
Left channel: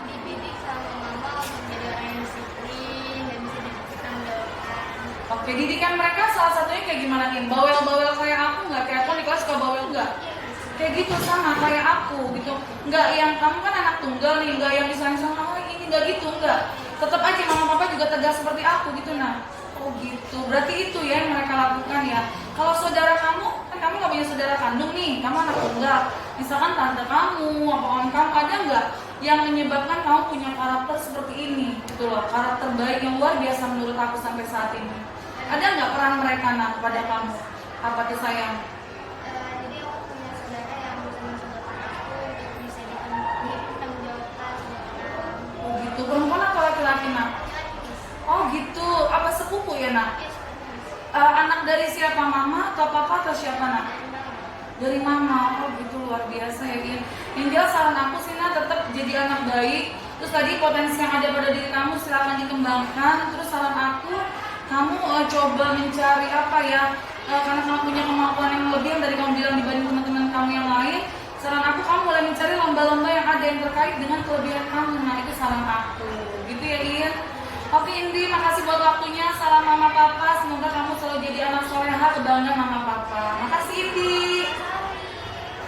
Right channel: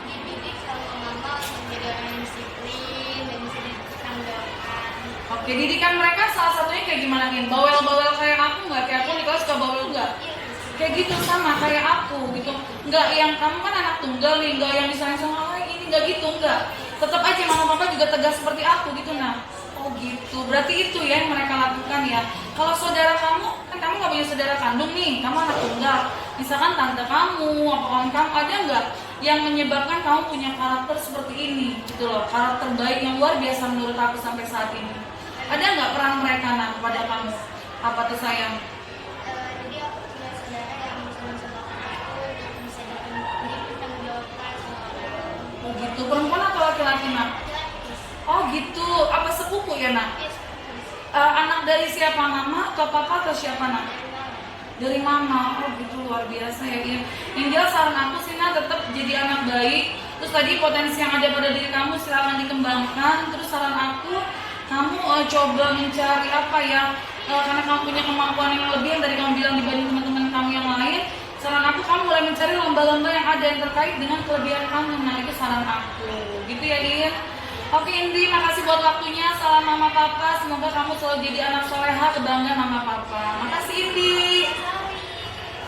Dididik sama mama untuk menjadi orang yang disiplin dan bisa dipertanggungjawabkan. Oke, didikan mereka salah satunya kayak gimana, In? Bawel-bawel kayak aku nggak? Kayak aku di kelas suka bawel nggak? Kayak gitu sama kayak aku gitu. Nggak yang kamu kan anak tunggal nih, nggak yang disayang-sayang ini, nggak gitu, nggak. Tetap aja mama papa juga tegas seperti aku gitu. Nah, oh gitu. Berarti itu ya yang mereka lakukan ya. Kalau saudara kamu, kan kamu nggak punya saudara kandung nih, kamu anak tunggal. Misalkan tante kamu, apa kawan kamu, ada nggak yang menyebabkan kamu punya karakter seperti ini gitu loh, karakter baik yang luar biasa menurut aku sampai saat ini? Ada nggak peran mereka nah pada kamu? Apa tuh sayang? Jadi aku punya saudara yang bisa mencontohkan aku untuk bisa dipertanggungjawabkan sama orang. Oh gitu. Perempuan atau laki-laki nak? Oh gitu. Apa sepupu ya nak? Anak dari siapa, mama atau papa atau siapa nak? Dari mama. Oh gitu, luar biasa ya Gin. Yang jelas saran aku sih nak, tetap jadi anak baik. Terus tadi potensi yang ada pada diri kamu silakan dikembangkan. Terus saran aku, kamu coba mencari apa ya, karena kamu punya kemampuan yang lebih yang tadi kamu bilang dibanding teman-teman kamu yang lain. Saran aku, kamu mulai mencari lomba-lomba yang ada yang terkait dengan kelebihan kamu. Nah itu saran aku, gitu ya In. Oke Indi, makasih buat waktunya. Salam mama papa, semoga kamu selalu jadi anak soleha, kebanggaan mama papa. Makasih Indi.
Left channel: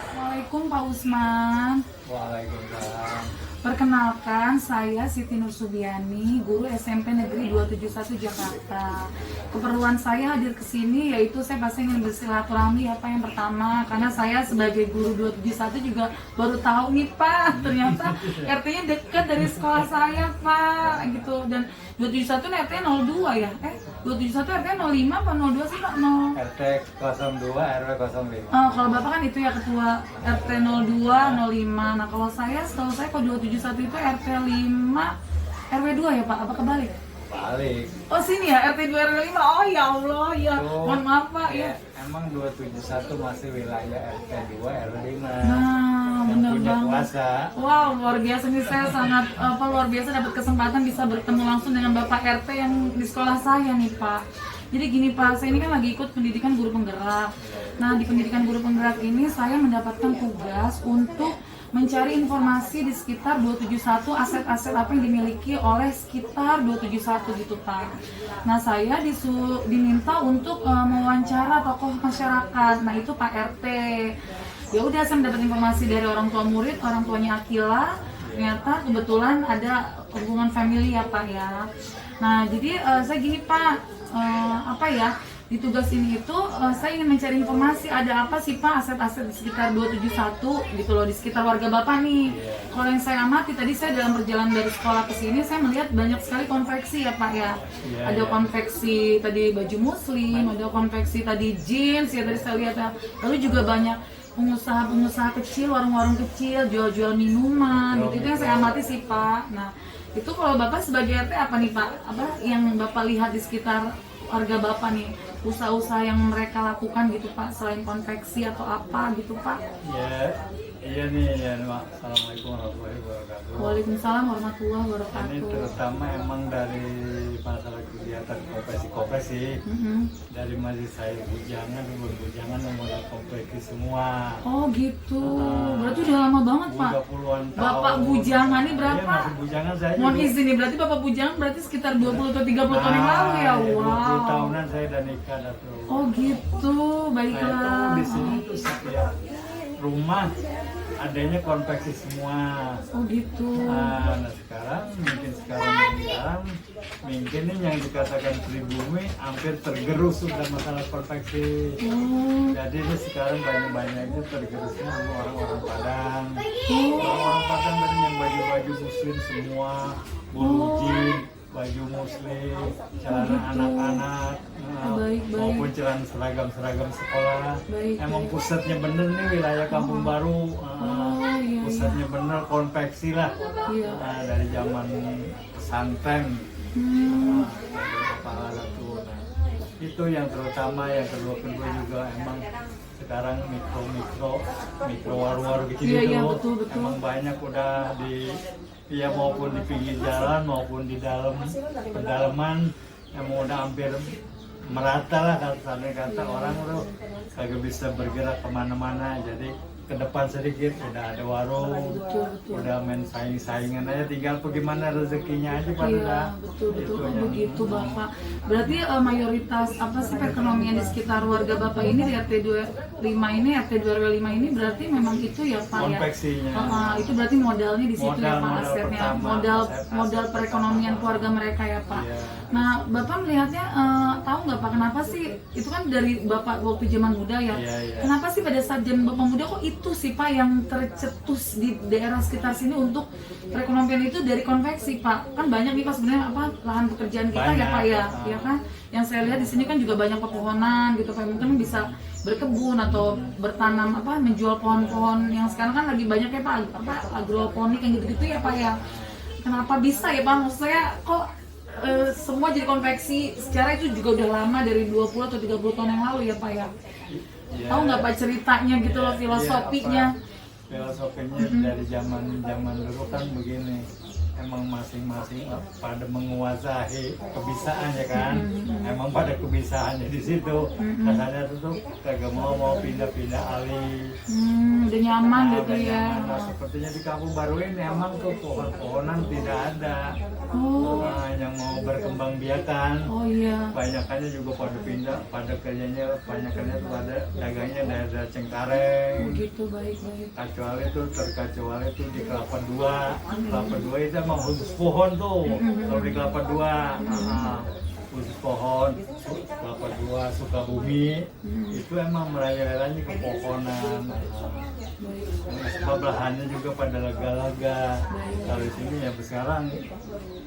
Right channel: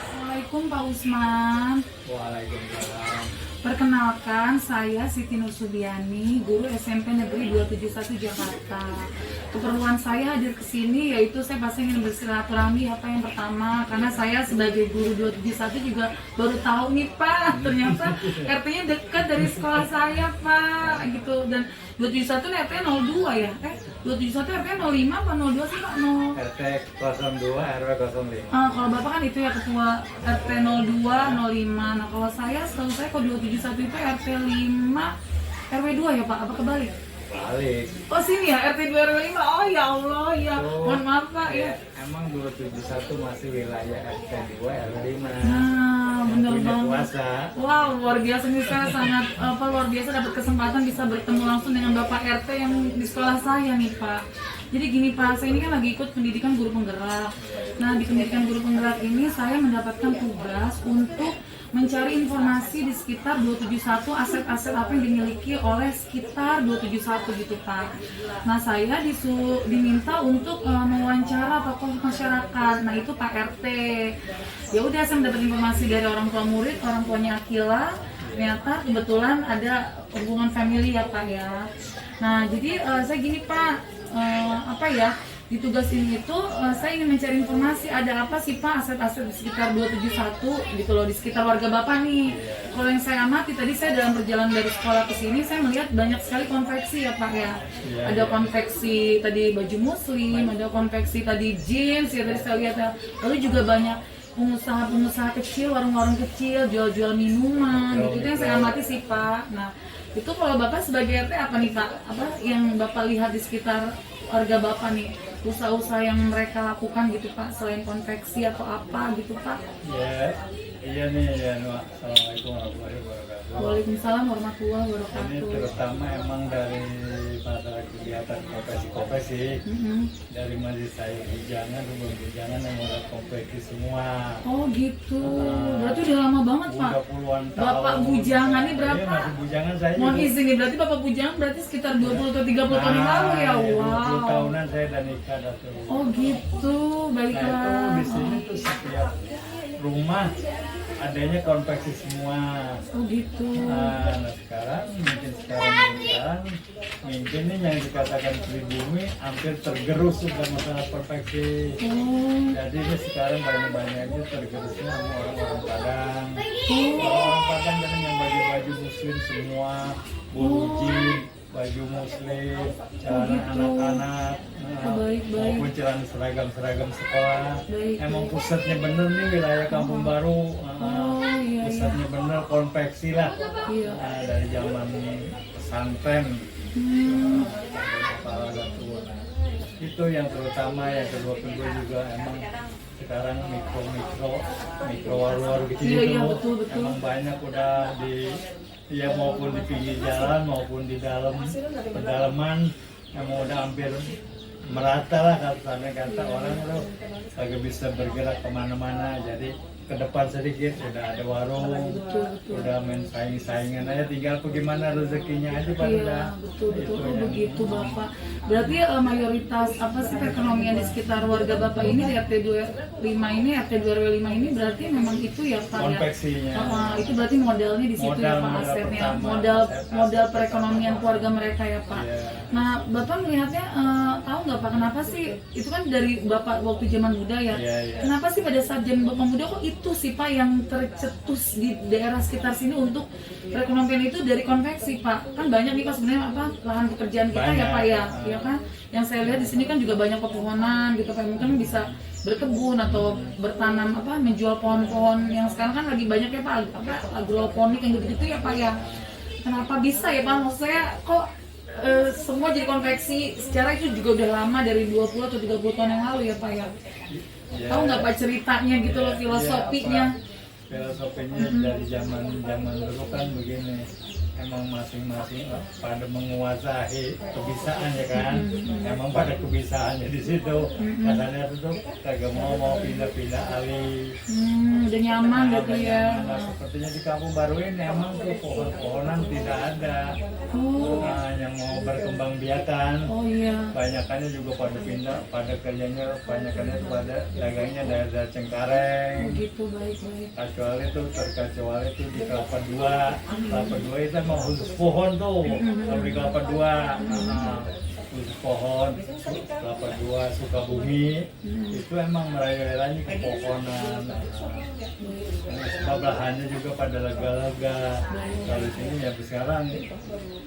Assalamualaikum Pak Usman. Waalaikumsalam. Perkenalkan, saya Siti Nur Subiani, guru SMP Negeri 271 Jakarta. Keperluan saya hadir ke sini yaitu saya pasti ingin bersilaturahmi apa yang pertama, karena saya sebagai guru 271 juga baru tahu nih Pak, ternyata RT-nya dekat dari sekolah saya Pak, gitu. Dan 271 RT-nya 02 ya? 271 RT-nya 05 apa 02 sih Pak? RT 02, RW 05. Kalau Bapak kan itu ya ketua RT 02, 05. Nah kalau saya, setahu saya kalau 271 itu RT 5, RW 2 ya Pak? Apa kebalik? Balik. Oh sini ya, RT 2 RW 5. Oh ya Allah, ya. Mohon maaf Pak ya. Emang 271 masih wilayah RT 2 RW 5. Nah, benar Punya banget. kuasa. Wow, luar biasa nih, saya sangat luar biasa dapat kesempatan bisa bertemu langsung dengan Bapak RT yang di sekolah saya nih Pak. Jadi gini Pak, saya ini kan lagi ikut pendidikan guru penggerak. Nah di pendidikan guru penggerak ini saya mendapatkan tugas untuk mencari informasi di sekitar 271, aset-aset apa yang dimiliki oleh sekitar 271 gitu Pak. Nah saya diminta untuk mewawancara tokoh masyarakat. Nah itu Pak RT. Ya udah, saya mendapat informasi dari orang tua murid, orang tuanya Akila. Ternyata kebetulan ada hubungan family ya Pak ya. Nah jadi saya gini Pak, apa ya, di tugas ini itu saya ingin mencari informasi ada apa sih Pak aset-aset di sekitar 271 gitu loh, di sekitar warga Bapak nih. Kalau yang saya amati tadi, saya dalam perjalanan dari sekolah ke sini saya melihat banyak sekali konveksi ya Pak ya. Ada konveksi tadi baju muslim, ada konveksi tadi jeans ya tadi saya lihat ya. Lalu juga banyak pengusaha-pengusaha kecil, warung-warung kecil jual-jual minuman gitu. Itu yang saya amati sih Pak. Nah itu kalau Bapak sebagai RT apa nih Pak, apa yang Bapak lihat di sekitar warga Bapak nih, usaha-usaha yang mereka lakukan gitu Pak, selain konveksi atau apa gitu Pak? Ya, iya nih ya. Assalamualaikum warahmatullahi wabarakatuh. Waalaikumsalam warahmatullahi Ini wabarakatuh. terutama emang dari masalah kegiatan profesi dari masjid saya bujangan yang mulai kompetisi semua. Oh gitu, berarti udah lama banget Pak. Udah puluhan tahun. Bapak bujangan ini berapa? Iya, masih bujangan saya. Mohon juga. izin nih, berarti Bapak bujangan berarti sekitar 20 atau 30 tahun yang lalu ya? 20 Wow. tahunan saya udah nikah dah tuh. Oh gitu, Nah baiklah. itu di sini tuh setiap rumah adanya konveksi semua. Oh gitu. Nah sekarang mungkin ini yang dikatakan pribumi hampir tergerus sudah masalah konveksi. Oh. Jadi ini sekarang banyak-banyaknya tergerusnya sama orang-orang Padang. Orang-orang Padang dan yang baju-baju muslim semua, burujin, baju muslim, celana anak-anak, Baik. maupun celana seragam sekolah. Baik. Emang pusatnya bener nih wilayah Kampung Baru. Iya. Pusatnya bener konveksi lah. Iya. Nah, dari zaman pesantren. itu yang terutama. Yang kedua juga emang sekarang mikro war-war gitu. Iya, betul. Emang banyak udah di maupun di pinggir jalan maupun di dalam pedalaman emang udah hampir merata lah, sampai kata orang udah kagak bisa bergerak kemana-mana. Jadi ke depan sedikit udah ada warung, udah main saing-saingan aja, tinggal bagaimana rezekinya aja pada. Iya, betul oh, begitu Bapak. Berarti mayoritas apa sih perekonomian di sekitar warga Bapak ini di RT 25 ini, RT 2 5 ini berarti memang itu ya Pak konveksinya. Ya. Itu berarti modalnya di situ ya Pak, asetnya, modal perekonomian keluarga mereka ya Pak. Iya. Nah, Bapak melihatnya tahu nggak Pak kenapa sih itu kan dari Bapak waktu zaman muda ya? Iya. Kenapa sih pada saat zaman Bapak muda kok itu sih Pak yang tercetus di daerah sekitar sini untuk perekonomian itu dari konveksi Pak? Kan banyak nih Pak sebenarnya apa lahan pekerjaan kita ya Pak ya kan? Yang saya lihat di sini kan juga banyak pepohonan gitu Pak, mungkin bisa berkebun atau bertanam apa menjual pohon-pohon yang sekarang kan lagi banyak ya Pak, apa agroponik yang gitu-gitu ya Pak ya. Kenapa bisa ya Pak? Maksud saya kok semua jadi konveksi secara itu juga udah lama dari 20 atau 30 tahun yang lalu ya Pak ya. Tahu nggak Pak ceritanya gitu loh, filosofinya? Filosofinya dari zaman dulu kan begini, emang masing-masing pada menguasai kebisaan ya kan, emang pada kebisaannya di situ, katanya tuh kagak mau pindah-pindah alih. Udah nyaman gitu ya. Nah, sepertinya di kampung baru ini emang tuh pohon-pohonan tidak ada. Nah, yang mau berkembang biakan. Oh iya. Banyakannya juga pada pindah, pada kayaknya banyakannya pada dagangnya daerah Cengkareng. Begitu baik. Terkecuali itu di Kelapa Dua. Kelapa Dua itu emang khusus pohon tuh. Kalau di Kelapa Dua, khusus pohon. Kelapa Dua, Sukabumi, itu emang meraih-raihnya ke pohonan. Sebab lahannya juga pada lega-lega. Kalau di sini ya sekarang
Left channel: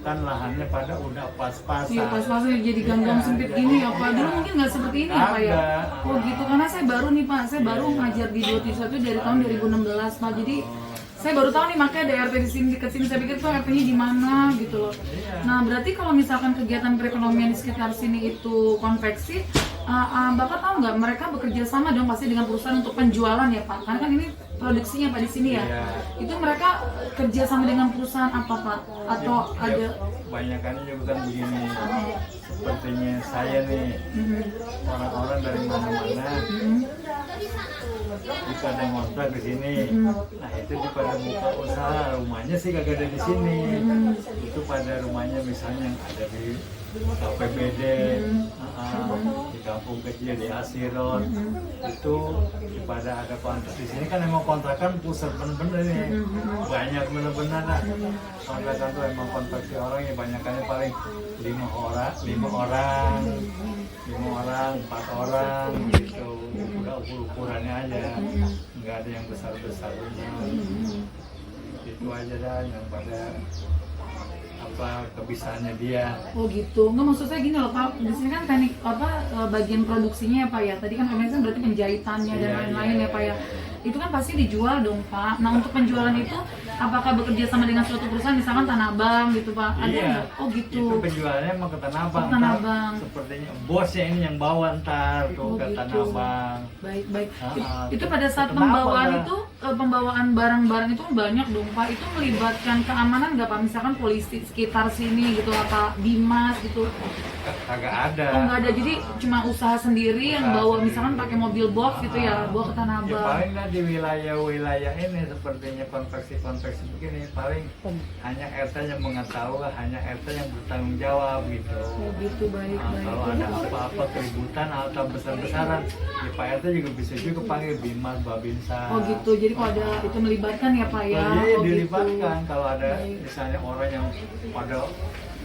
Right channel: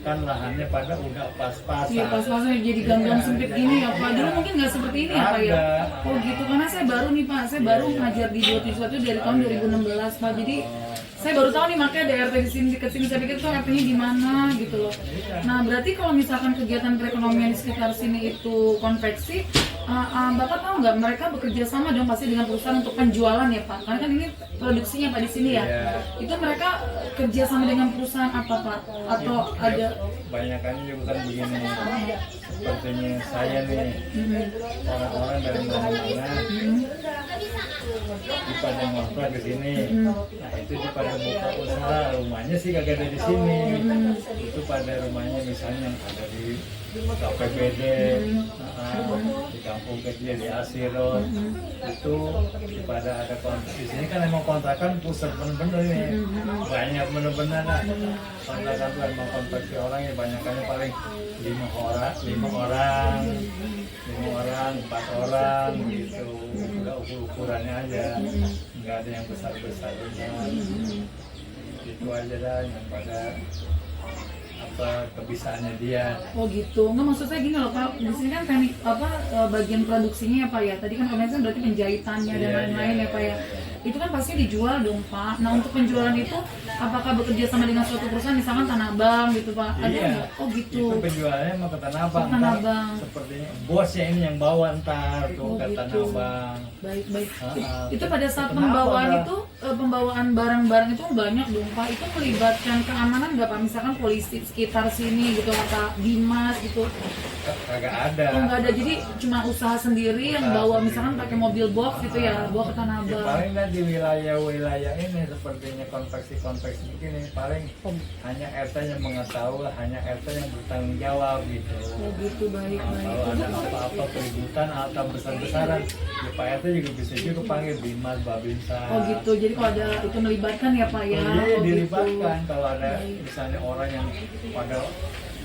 kan lahannya pada udah pas-pasan. Iya pas-pasan jadi gang-gang sempit gini ya Pak. Dulu mungkin nggak seperti ini ya Pak ya. Oh gitu, karena saya baru nih Pak, saya baru ngajar di 271 dari tahun 2016 Pak. Jadi saya baru tahu nih makanya ada RT di sini dekat sini, saya pikir tuh RT-nya di mana gitu loh. Nah berarti kalau misalkan kegiatan perekonomian di sekitar sini itu konveksi, Bapak tahu nggak mereka bekerja sama dong pasti dengan perusahaan untuk penjualan ya Pak? Karena kan ini produksinya Pak di sini ya. Itu mereka kerja sama dengan perusahaan apa Pak? Atau ada? Banyakannya juga bukan begini. Sepertinya saya nih, orang-orang dari mana-mana di pada ngontrak di sini. Nah itu di pada buka usaha, rumahnya sih kagak ada di sini. Itu pada rumahnya misalnya yang ada di KPBD, di kampung kecil di Asirot, itu pada ada kontrak. Di sini kan emang kontrakan pusat bener-bener ini, banyak bener-bener lah. Kontrakan tuh emang kontraksi orang ya banyakannya paling 5 orang, 4 orang gitu. Udah ukurannya aja, nggak ada yang besar-besar benar. Itu aja dah yang pada apa kebisaannya dia. Oh gitu, nggak maksud saya gini loh Pak, di sini kan teknik apa bagian produksinya ya Pak ya. Tadi kan komentar berarti penjahitannya dan lain-lain ya Pak ya. Itu kan pasti dijual dong Pak. Nah untuk penjualan itu apakah bekerja sama dengan suatu perusahaan misalkan Tanah Abang gitu Pak? Ada nggak? Oh gitu. Itu penjualannya mau ke Tanah Abang. Tanah Abang. Sepertinya bosnya ini yang bawa ntar tuh ke Tanah Abang. Baik. Itu pada saat pembawaan itu pembawaan barang-barang itu banyak dong Pak. Itu melibatkan keamanan nggak Pak? Misalkan polisi sekitar sini gitu apa Dimas gitu? Kagak ada. Oh nggak ada, jadi cuma usaha sendiri yang bawa misalkan pakai mobil box gitu ya, bawa ke Tanah Ya, Abang. paling di wilayah ini sepertinya konveksi begini paling hanya RT yang mengetahui, hanya RT yang bertanggung jawab gitu. Oh gitu, baik. Kalau ada apa-apa keributan atau besar-besaran, ya Pak RT juga bisa juga panggil Bimas, Babinsa. Oh gitu, jadi kalau ada itu melibatkan ya Pak ya? Iya, Oh dilibatkan. gitu. Kalau ada misalnya orang yang pada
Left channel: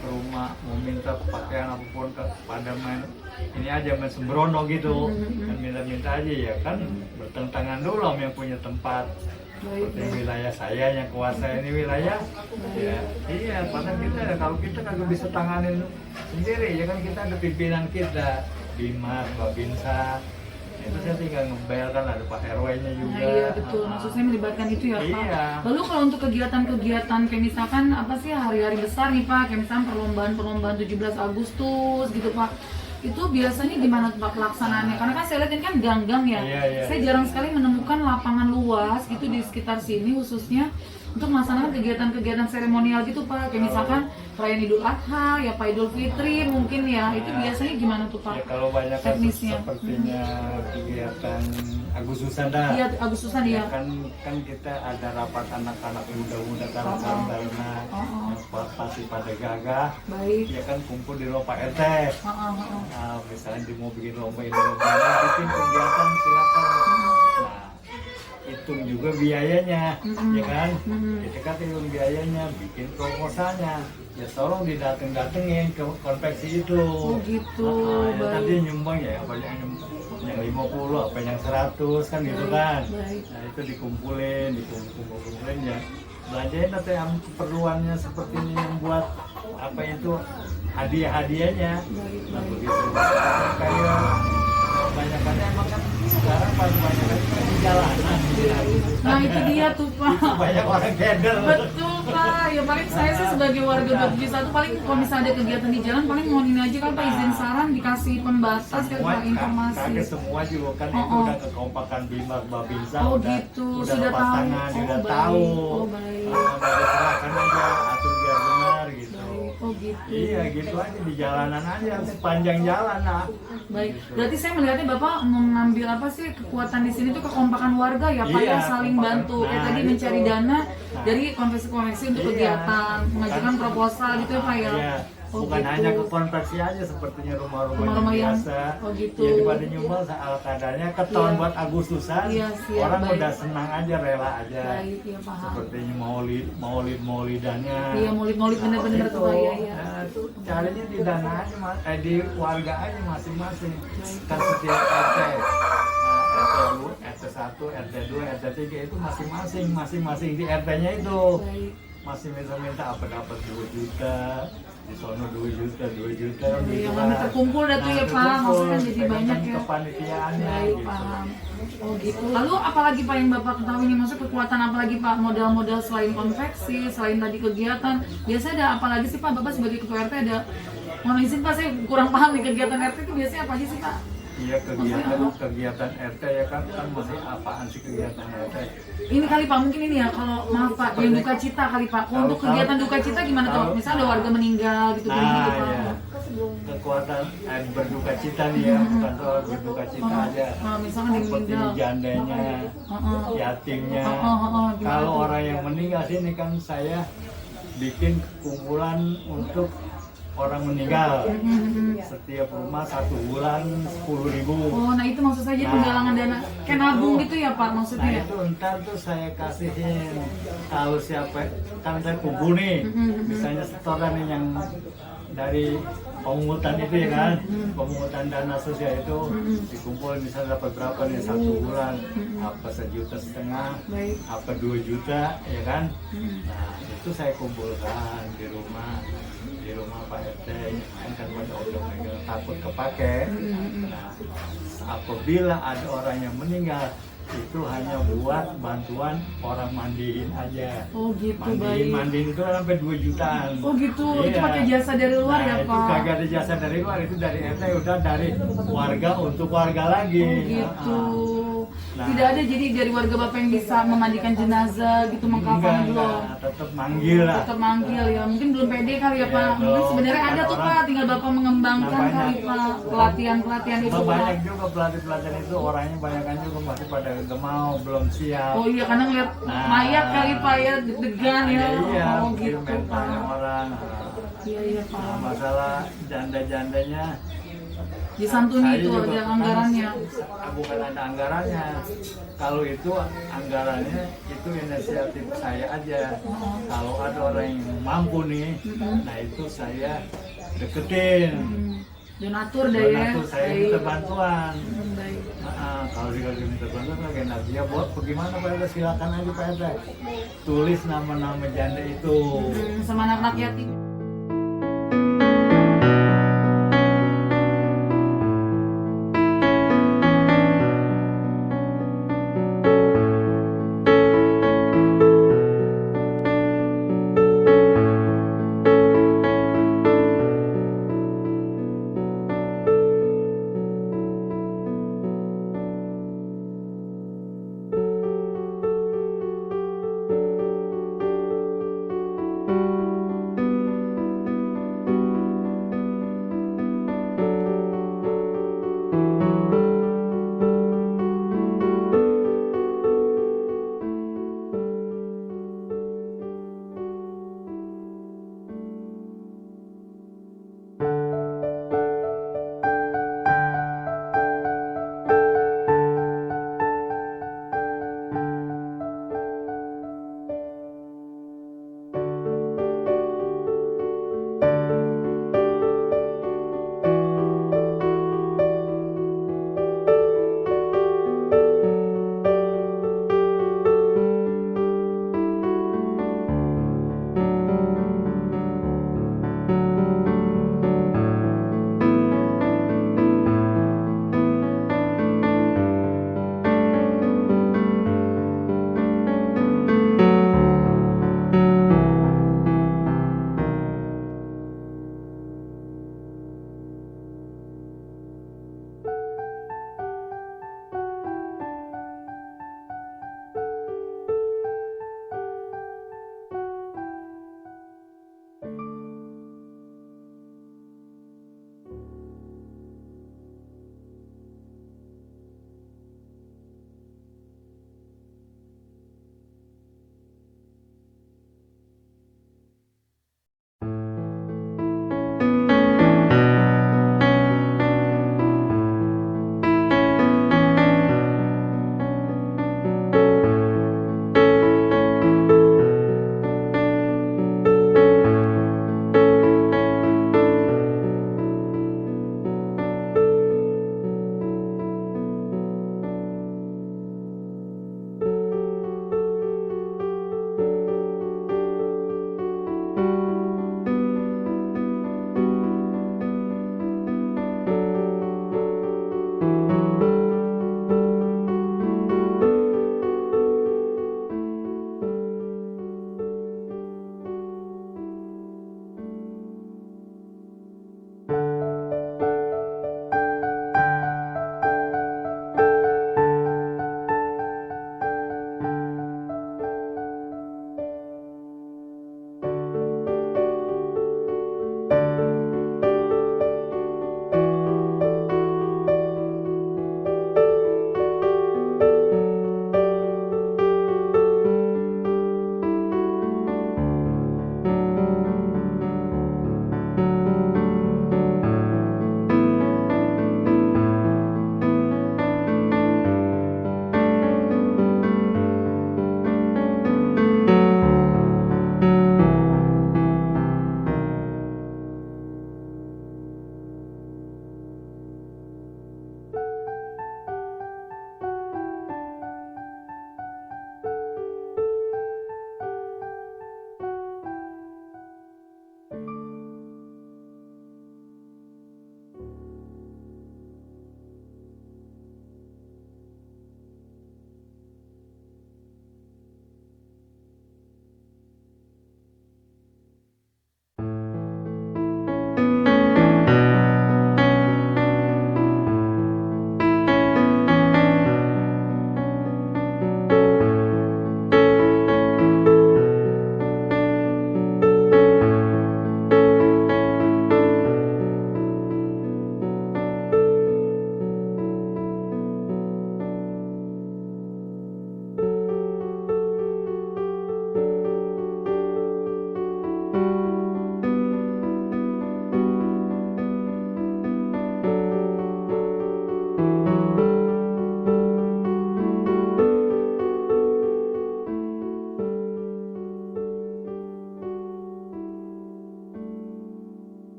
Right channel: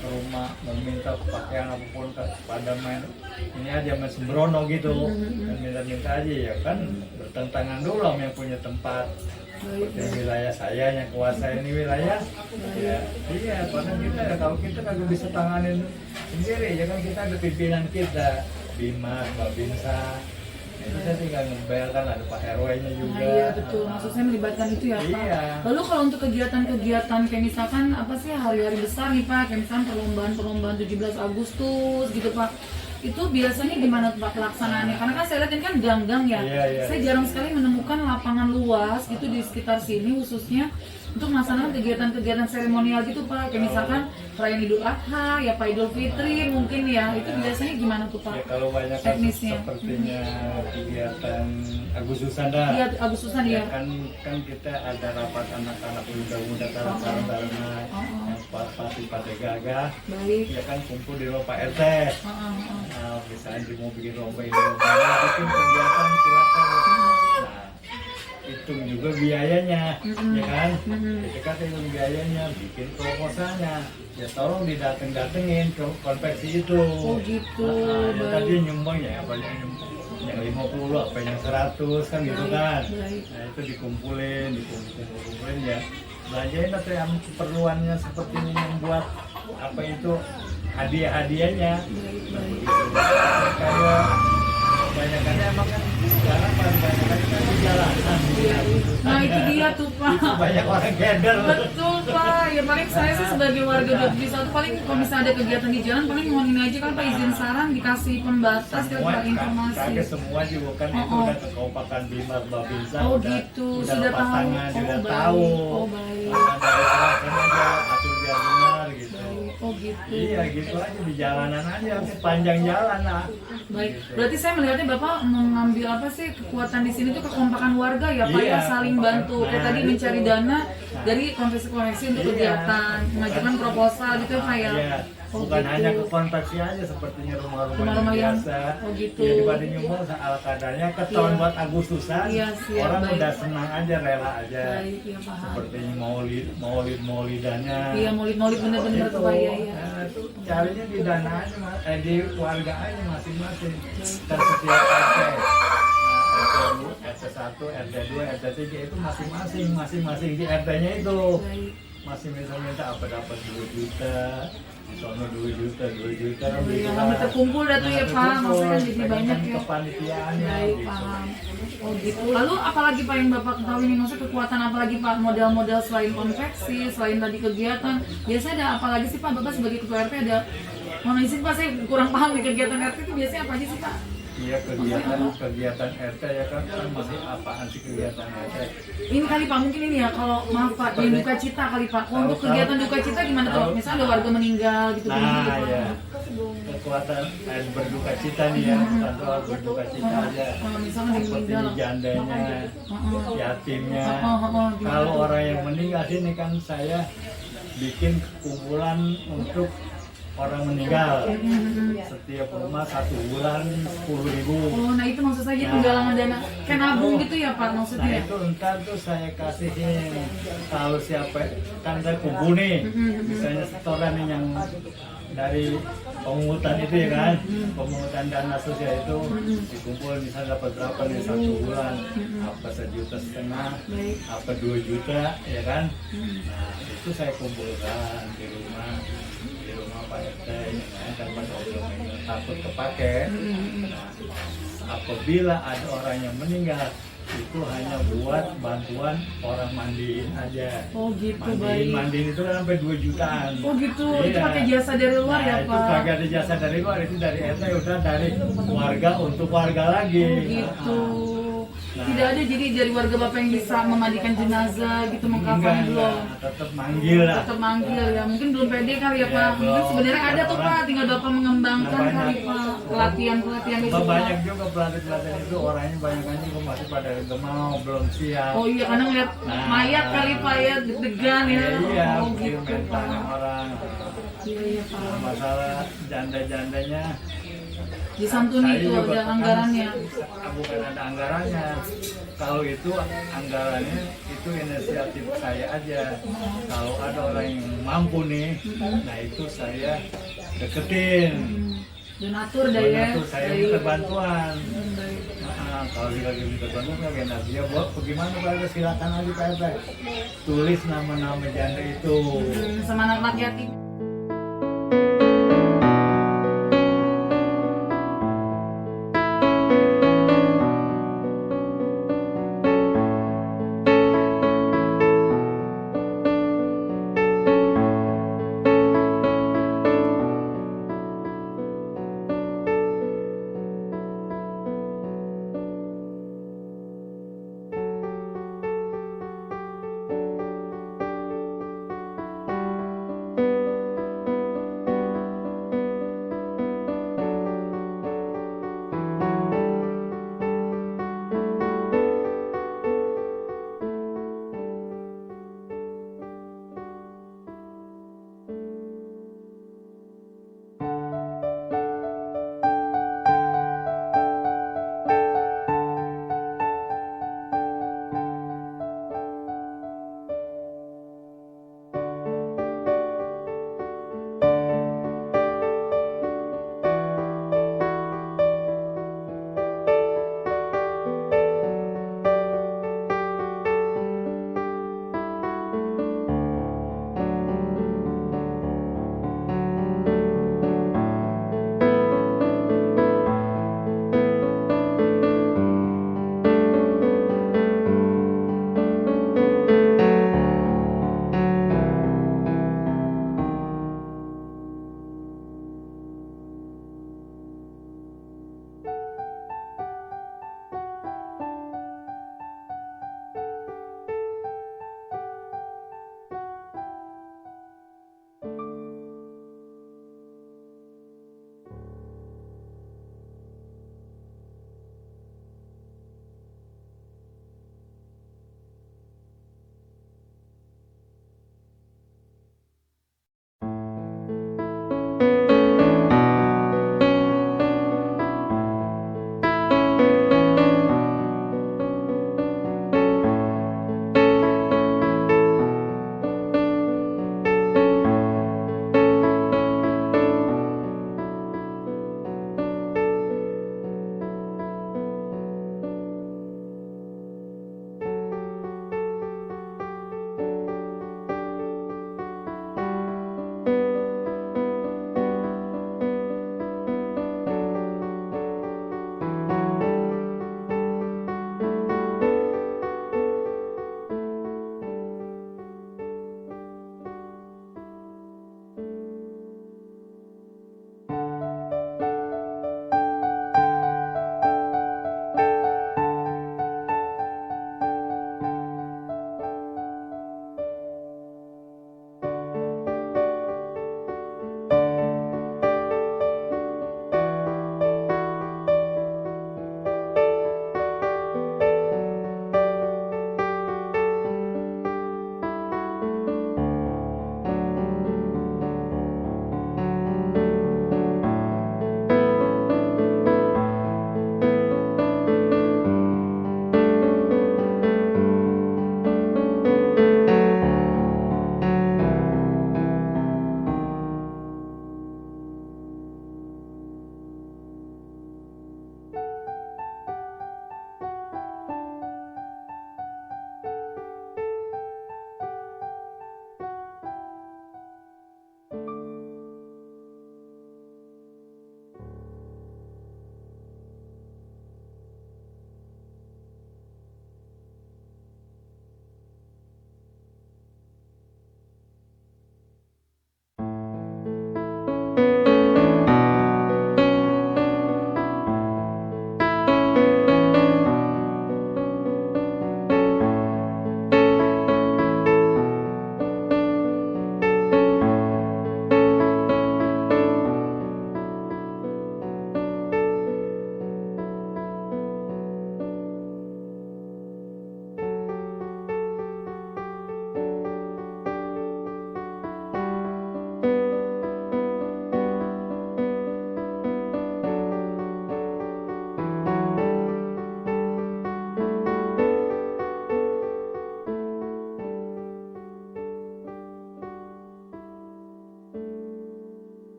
rumah mau minta pakaian apapun pada main ini aja main sembrono gitu, minta aja ya kan bertentangan dulu sama yang punya tempat. Seperti wilayah saya yang kuasa ini wilayah, ya iya. Karena kita ya kalau kita kagak bisa tanganin sendiri ya kan, kita ada pimpinan kita Bimas, Babinsa. Itu saya tinggal ngebel kan ada Pak RW-nya juga. Nah, iya betul, maksud saya melibatkan itu ya Pak. Iya. Lalu kalau untuk kegiatan-kegiatan kayak misalkan apa sih hari-hari besar nih Pak, kayak misalkan perlombaan 17 Agustus gitu Pak. itu biasanya gimana tuh Pak pelaksanaannya? Karena kan saya lihat ini kan gang-gang ya. Iya, iya. Saya jarang sekali menemukan lapangan luas gitu di sekitar sini khususnya untuk melaksanakan kegiatan-kegiatan seremonial gitu Pak. Kayak misalkan perayaan Idul Adha, ya Pak Idul Fitri mungkin ya. Itu biasanya gimana tuh Pak? Ya, kalau banyak Teknisnya. sepertinya kegiatan Agustusan dah. Iya, Agustusan Ya ya. kan kita ada rapat anak-anak muda-muda karena pasti pada gagah. Baik. Ya kan kumpul di rumah Pak RT. Nah, misalnya di mau bikin lomba ini lomba itu, bikin kegiatan silakan. Nah, hitung juga biayanya, ya kan? Kita kan hitung biayanya, bikin proposalnya. Ya tolong didateng-datengin ke konveksi itu. Oh gitu. Ya, Baik. tadi nyumbang ya, apa yang 50, apa yang 100 kan gitu kan. Baik. Nah itu dikumpulin ya. Belanjain atau yang keperluannya seperti membuat apa itu hadiah-hadiahnya. Nah, begitu. Kayak kebanyakannya emang kan sekarang paling banyak kan di jalanan. Nah itu dia tuh Pak. Itu banyak orang keder. Betul Pak, ya paling saya sih sebagai warga Jogja satu paling kalau misalnya ada kegiatan di jalan paling mohon ini aja kan Pak izin saran dikasih pembatas kan Pak informasi. Kagak semua juga kan itu udah kekompakan Bimas Babinsa. Oh gitu, sudah lepas tahu. tangan, Oh, sudah baik. tahu. Oh, baik. Nah, dari silakan aja atur biar benar gitu. Oh gitu. Iya gitu aja di jalanan aja sepanjang jalan lah. Baik, berarti saya melihatnya Bapak mengambil apa sih kekuatan di sini tuh kekompakan warga ya Pak Iya, yang saling kekompakan. bantu. Kayak Nah, tadi itu. mencari dana dari konveksi-konveksi untuk Iya. kegiatan, mengajukan proposal gitu ya Pak ya. Iya. Oh, Bukan gitu. hanya ke konveksi aja sepertinya rumah-rumah Rumah-rumah yang- biasa. oh, gitu. Ya dibanding nyumbang ala kadarnya keton Iya. buat Agustusan. Iya, siap, orang baik. udah senang aja rela aja. Baik, ya paham. Seperti maulidannya. Iya, maulid-maulid bener-bener Itu. tuh Pak ya. Iya. Nah, itu carinya di dana aja, di warga aja masing-masing. Dan setiap RT. RT 1, RT 2, RT 3 itu masing-masing di RT-nya itu. Baik. Masih minta apa dapat 2 juta, misalnya 2 juta kan Iya, gitu kami kan. terkumpul dah tuh ya, Pak. terkumpul. Maksudnya kan jadi Pegang banyak ya. kepanitiaannya Baik, gitu. paham. Oh gitu. Lalu apalagi Pak yang Bapak ketahui nih, maksudnya kekuatan apalagi Pak, modal-modal selain konveksi, selain tadi kegiatan, biasanya ada apalagi sih Pak, Bapak sebagai ketua RT ada, mohon izin Pak, saya kurang paham nih kegiatan RT itu biasanya apa aja sih Pak? Iya kegiatan RT ya kan masih apaan sih kegiatan RT? Ini kali Pak, mungkin ini ya, kalau maaf Pak, yang duka cita kali Pak, untuk kegiatan duka cita gimana tuh Pak? Misalnya ada warga meninggal gitu Nah gitu Pak. ya kekuatan berduka cita nih ya, bukan soal berduka cita aja. Misalnya dia Seperti meninggal. jandanya, yatimnya. Gimana Kalau tuh? orang yang meninggal sini kan saya bikin kumpulan untuk orang meninggal. Setiap rumah 1 bulan 10.000. Oh, nah itu maksud saya penggalangan dana kayak nabung gitu ya Pak maksudnya Nah ya? itu ntar tuh saya kasihin kalau siapa kan saya kumpul nih, misalnya setoran nih yang dari pemungutan itu ya kan, pemungutan dana sosial itu dikumpul misalnya dapat berapa nih 1 bulan, apa 1,5 juta, Baik. apa 2 juta ya kan. Nah itu saya kumpulkan di rumah Pak RT kan pada orang takut kepake. Nah, apabila ada orang yang meninggal itu hanya buat bantuan orang mandiin aja. Oh gitu, baik. Mandiin itu kan sampai 2 jutaan. Oh gitu, itu Iya. pakai jasa dari luar Nah, ya itu Pak? kagak ada jasa dari luar, itu dari RT udah dari warga untuk warga lagi. Oh gitu. Nah. Tidak ada jadi dari warga Bapak yang bisa memandikan jenazah gitu, mengkafani belum? Tetap manggil lah. Tetap manggil ya, mungkin belum pede kali ya Iya, Pak. Mungkin belum. sebenarnya ada tuh Pak, tinggal Bapak mengembangkan Nah, kali banyak. Pak, pelatihan-pelatihan itu Pak. Banyak juga pelatih-pelatih itu orangnya banyak juga masih pada gemau belum siap. Oh iya, karena ngeliat Nah. mayat kali Pak ya, deg-degan ya. Iya, Oh mungkin gitu mentalnya Pak. orang. Iya iya Pak. Nah, masalah janda-jandanya Disantuni saya itu juga ada kan, anggarannya. bukan ada anggarannya. Kalau itu anggarannya itu inisiatif saya aja. Kalau ada orang yang mampu nih, nah itu saya deketin. Donatur dah ya. Donatur saya minta bantuan. Baik. Nah, kalau dia minta bantuan lagi nanti ya buat bagaimana Pak RT, silakan aja Pak RT. Tulis nama-nama janda itu. Sama anak-anak yatim.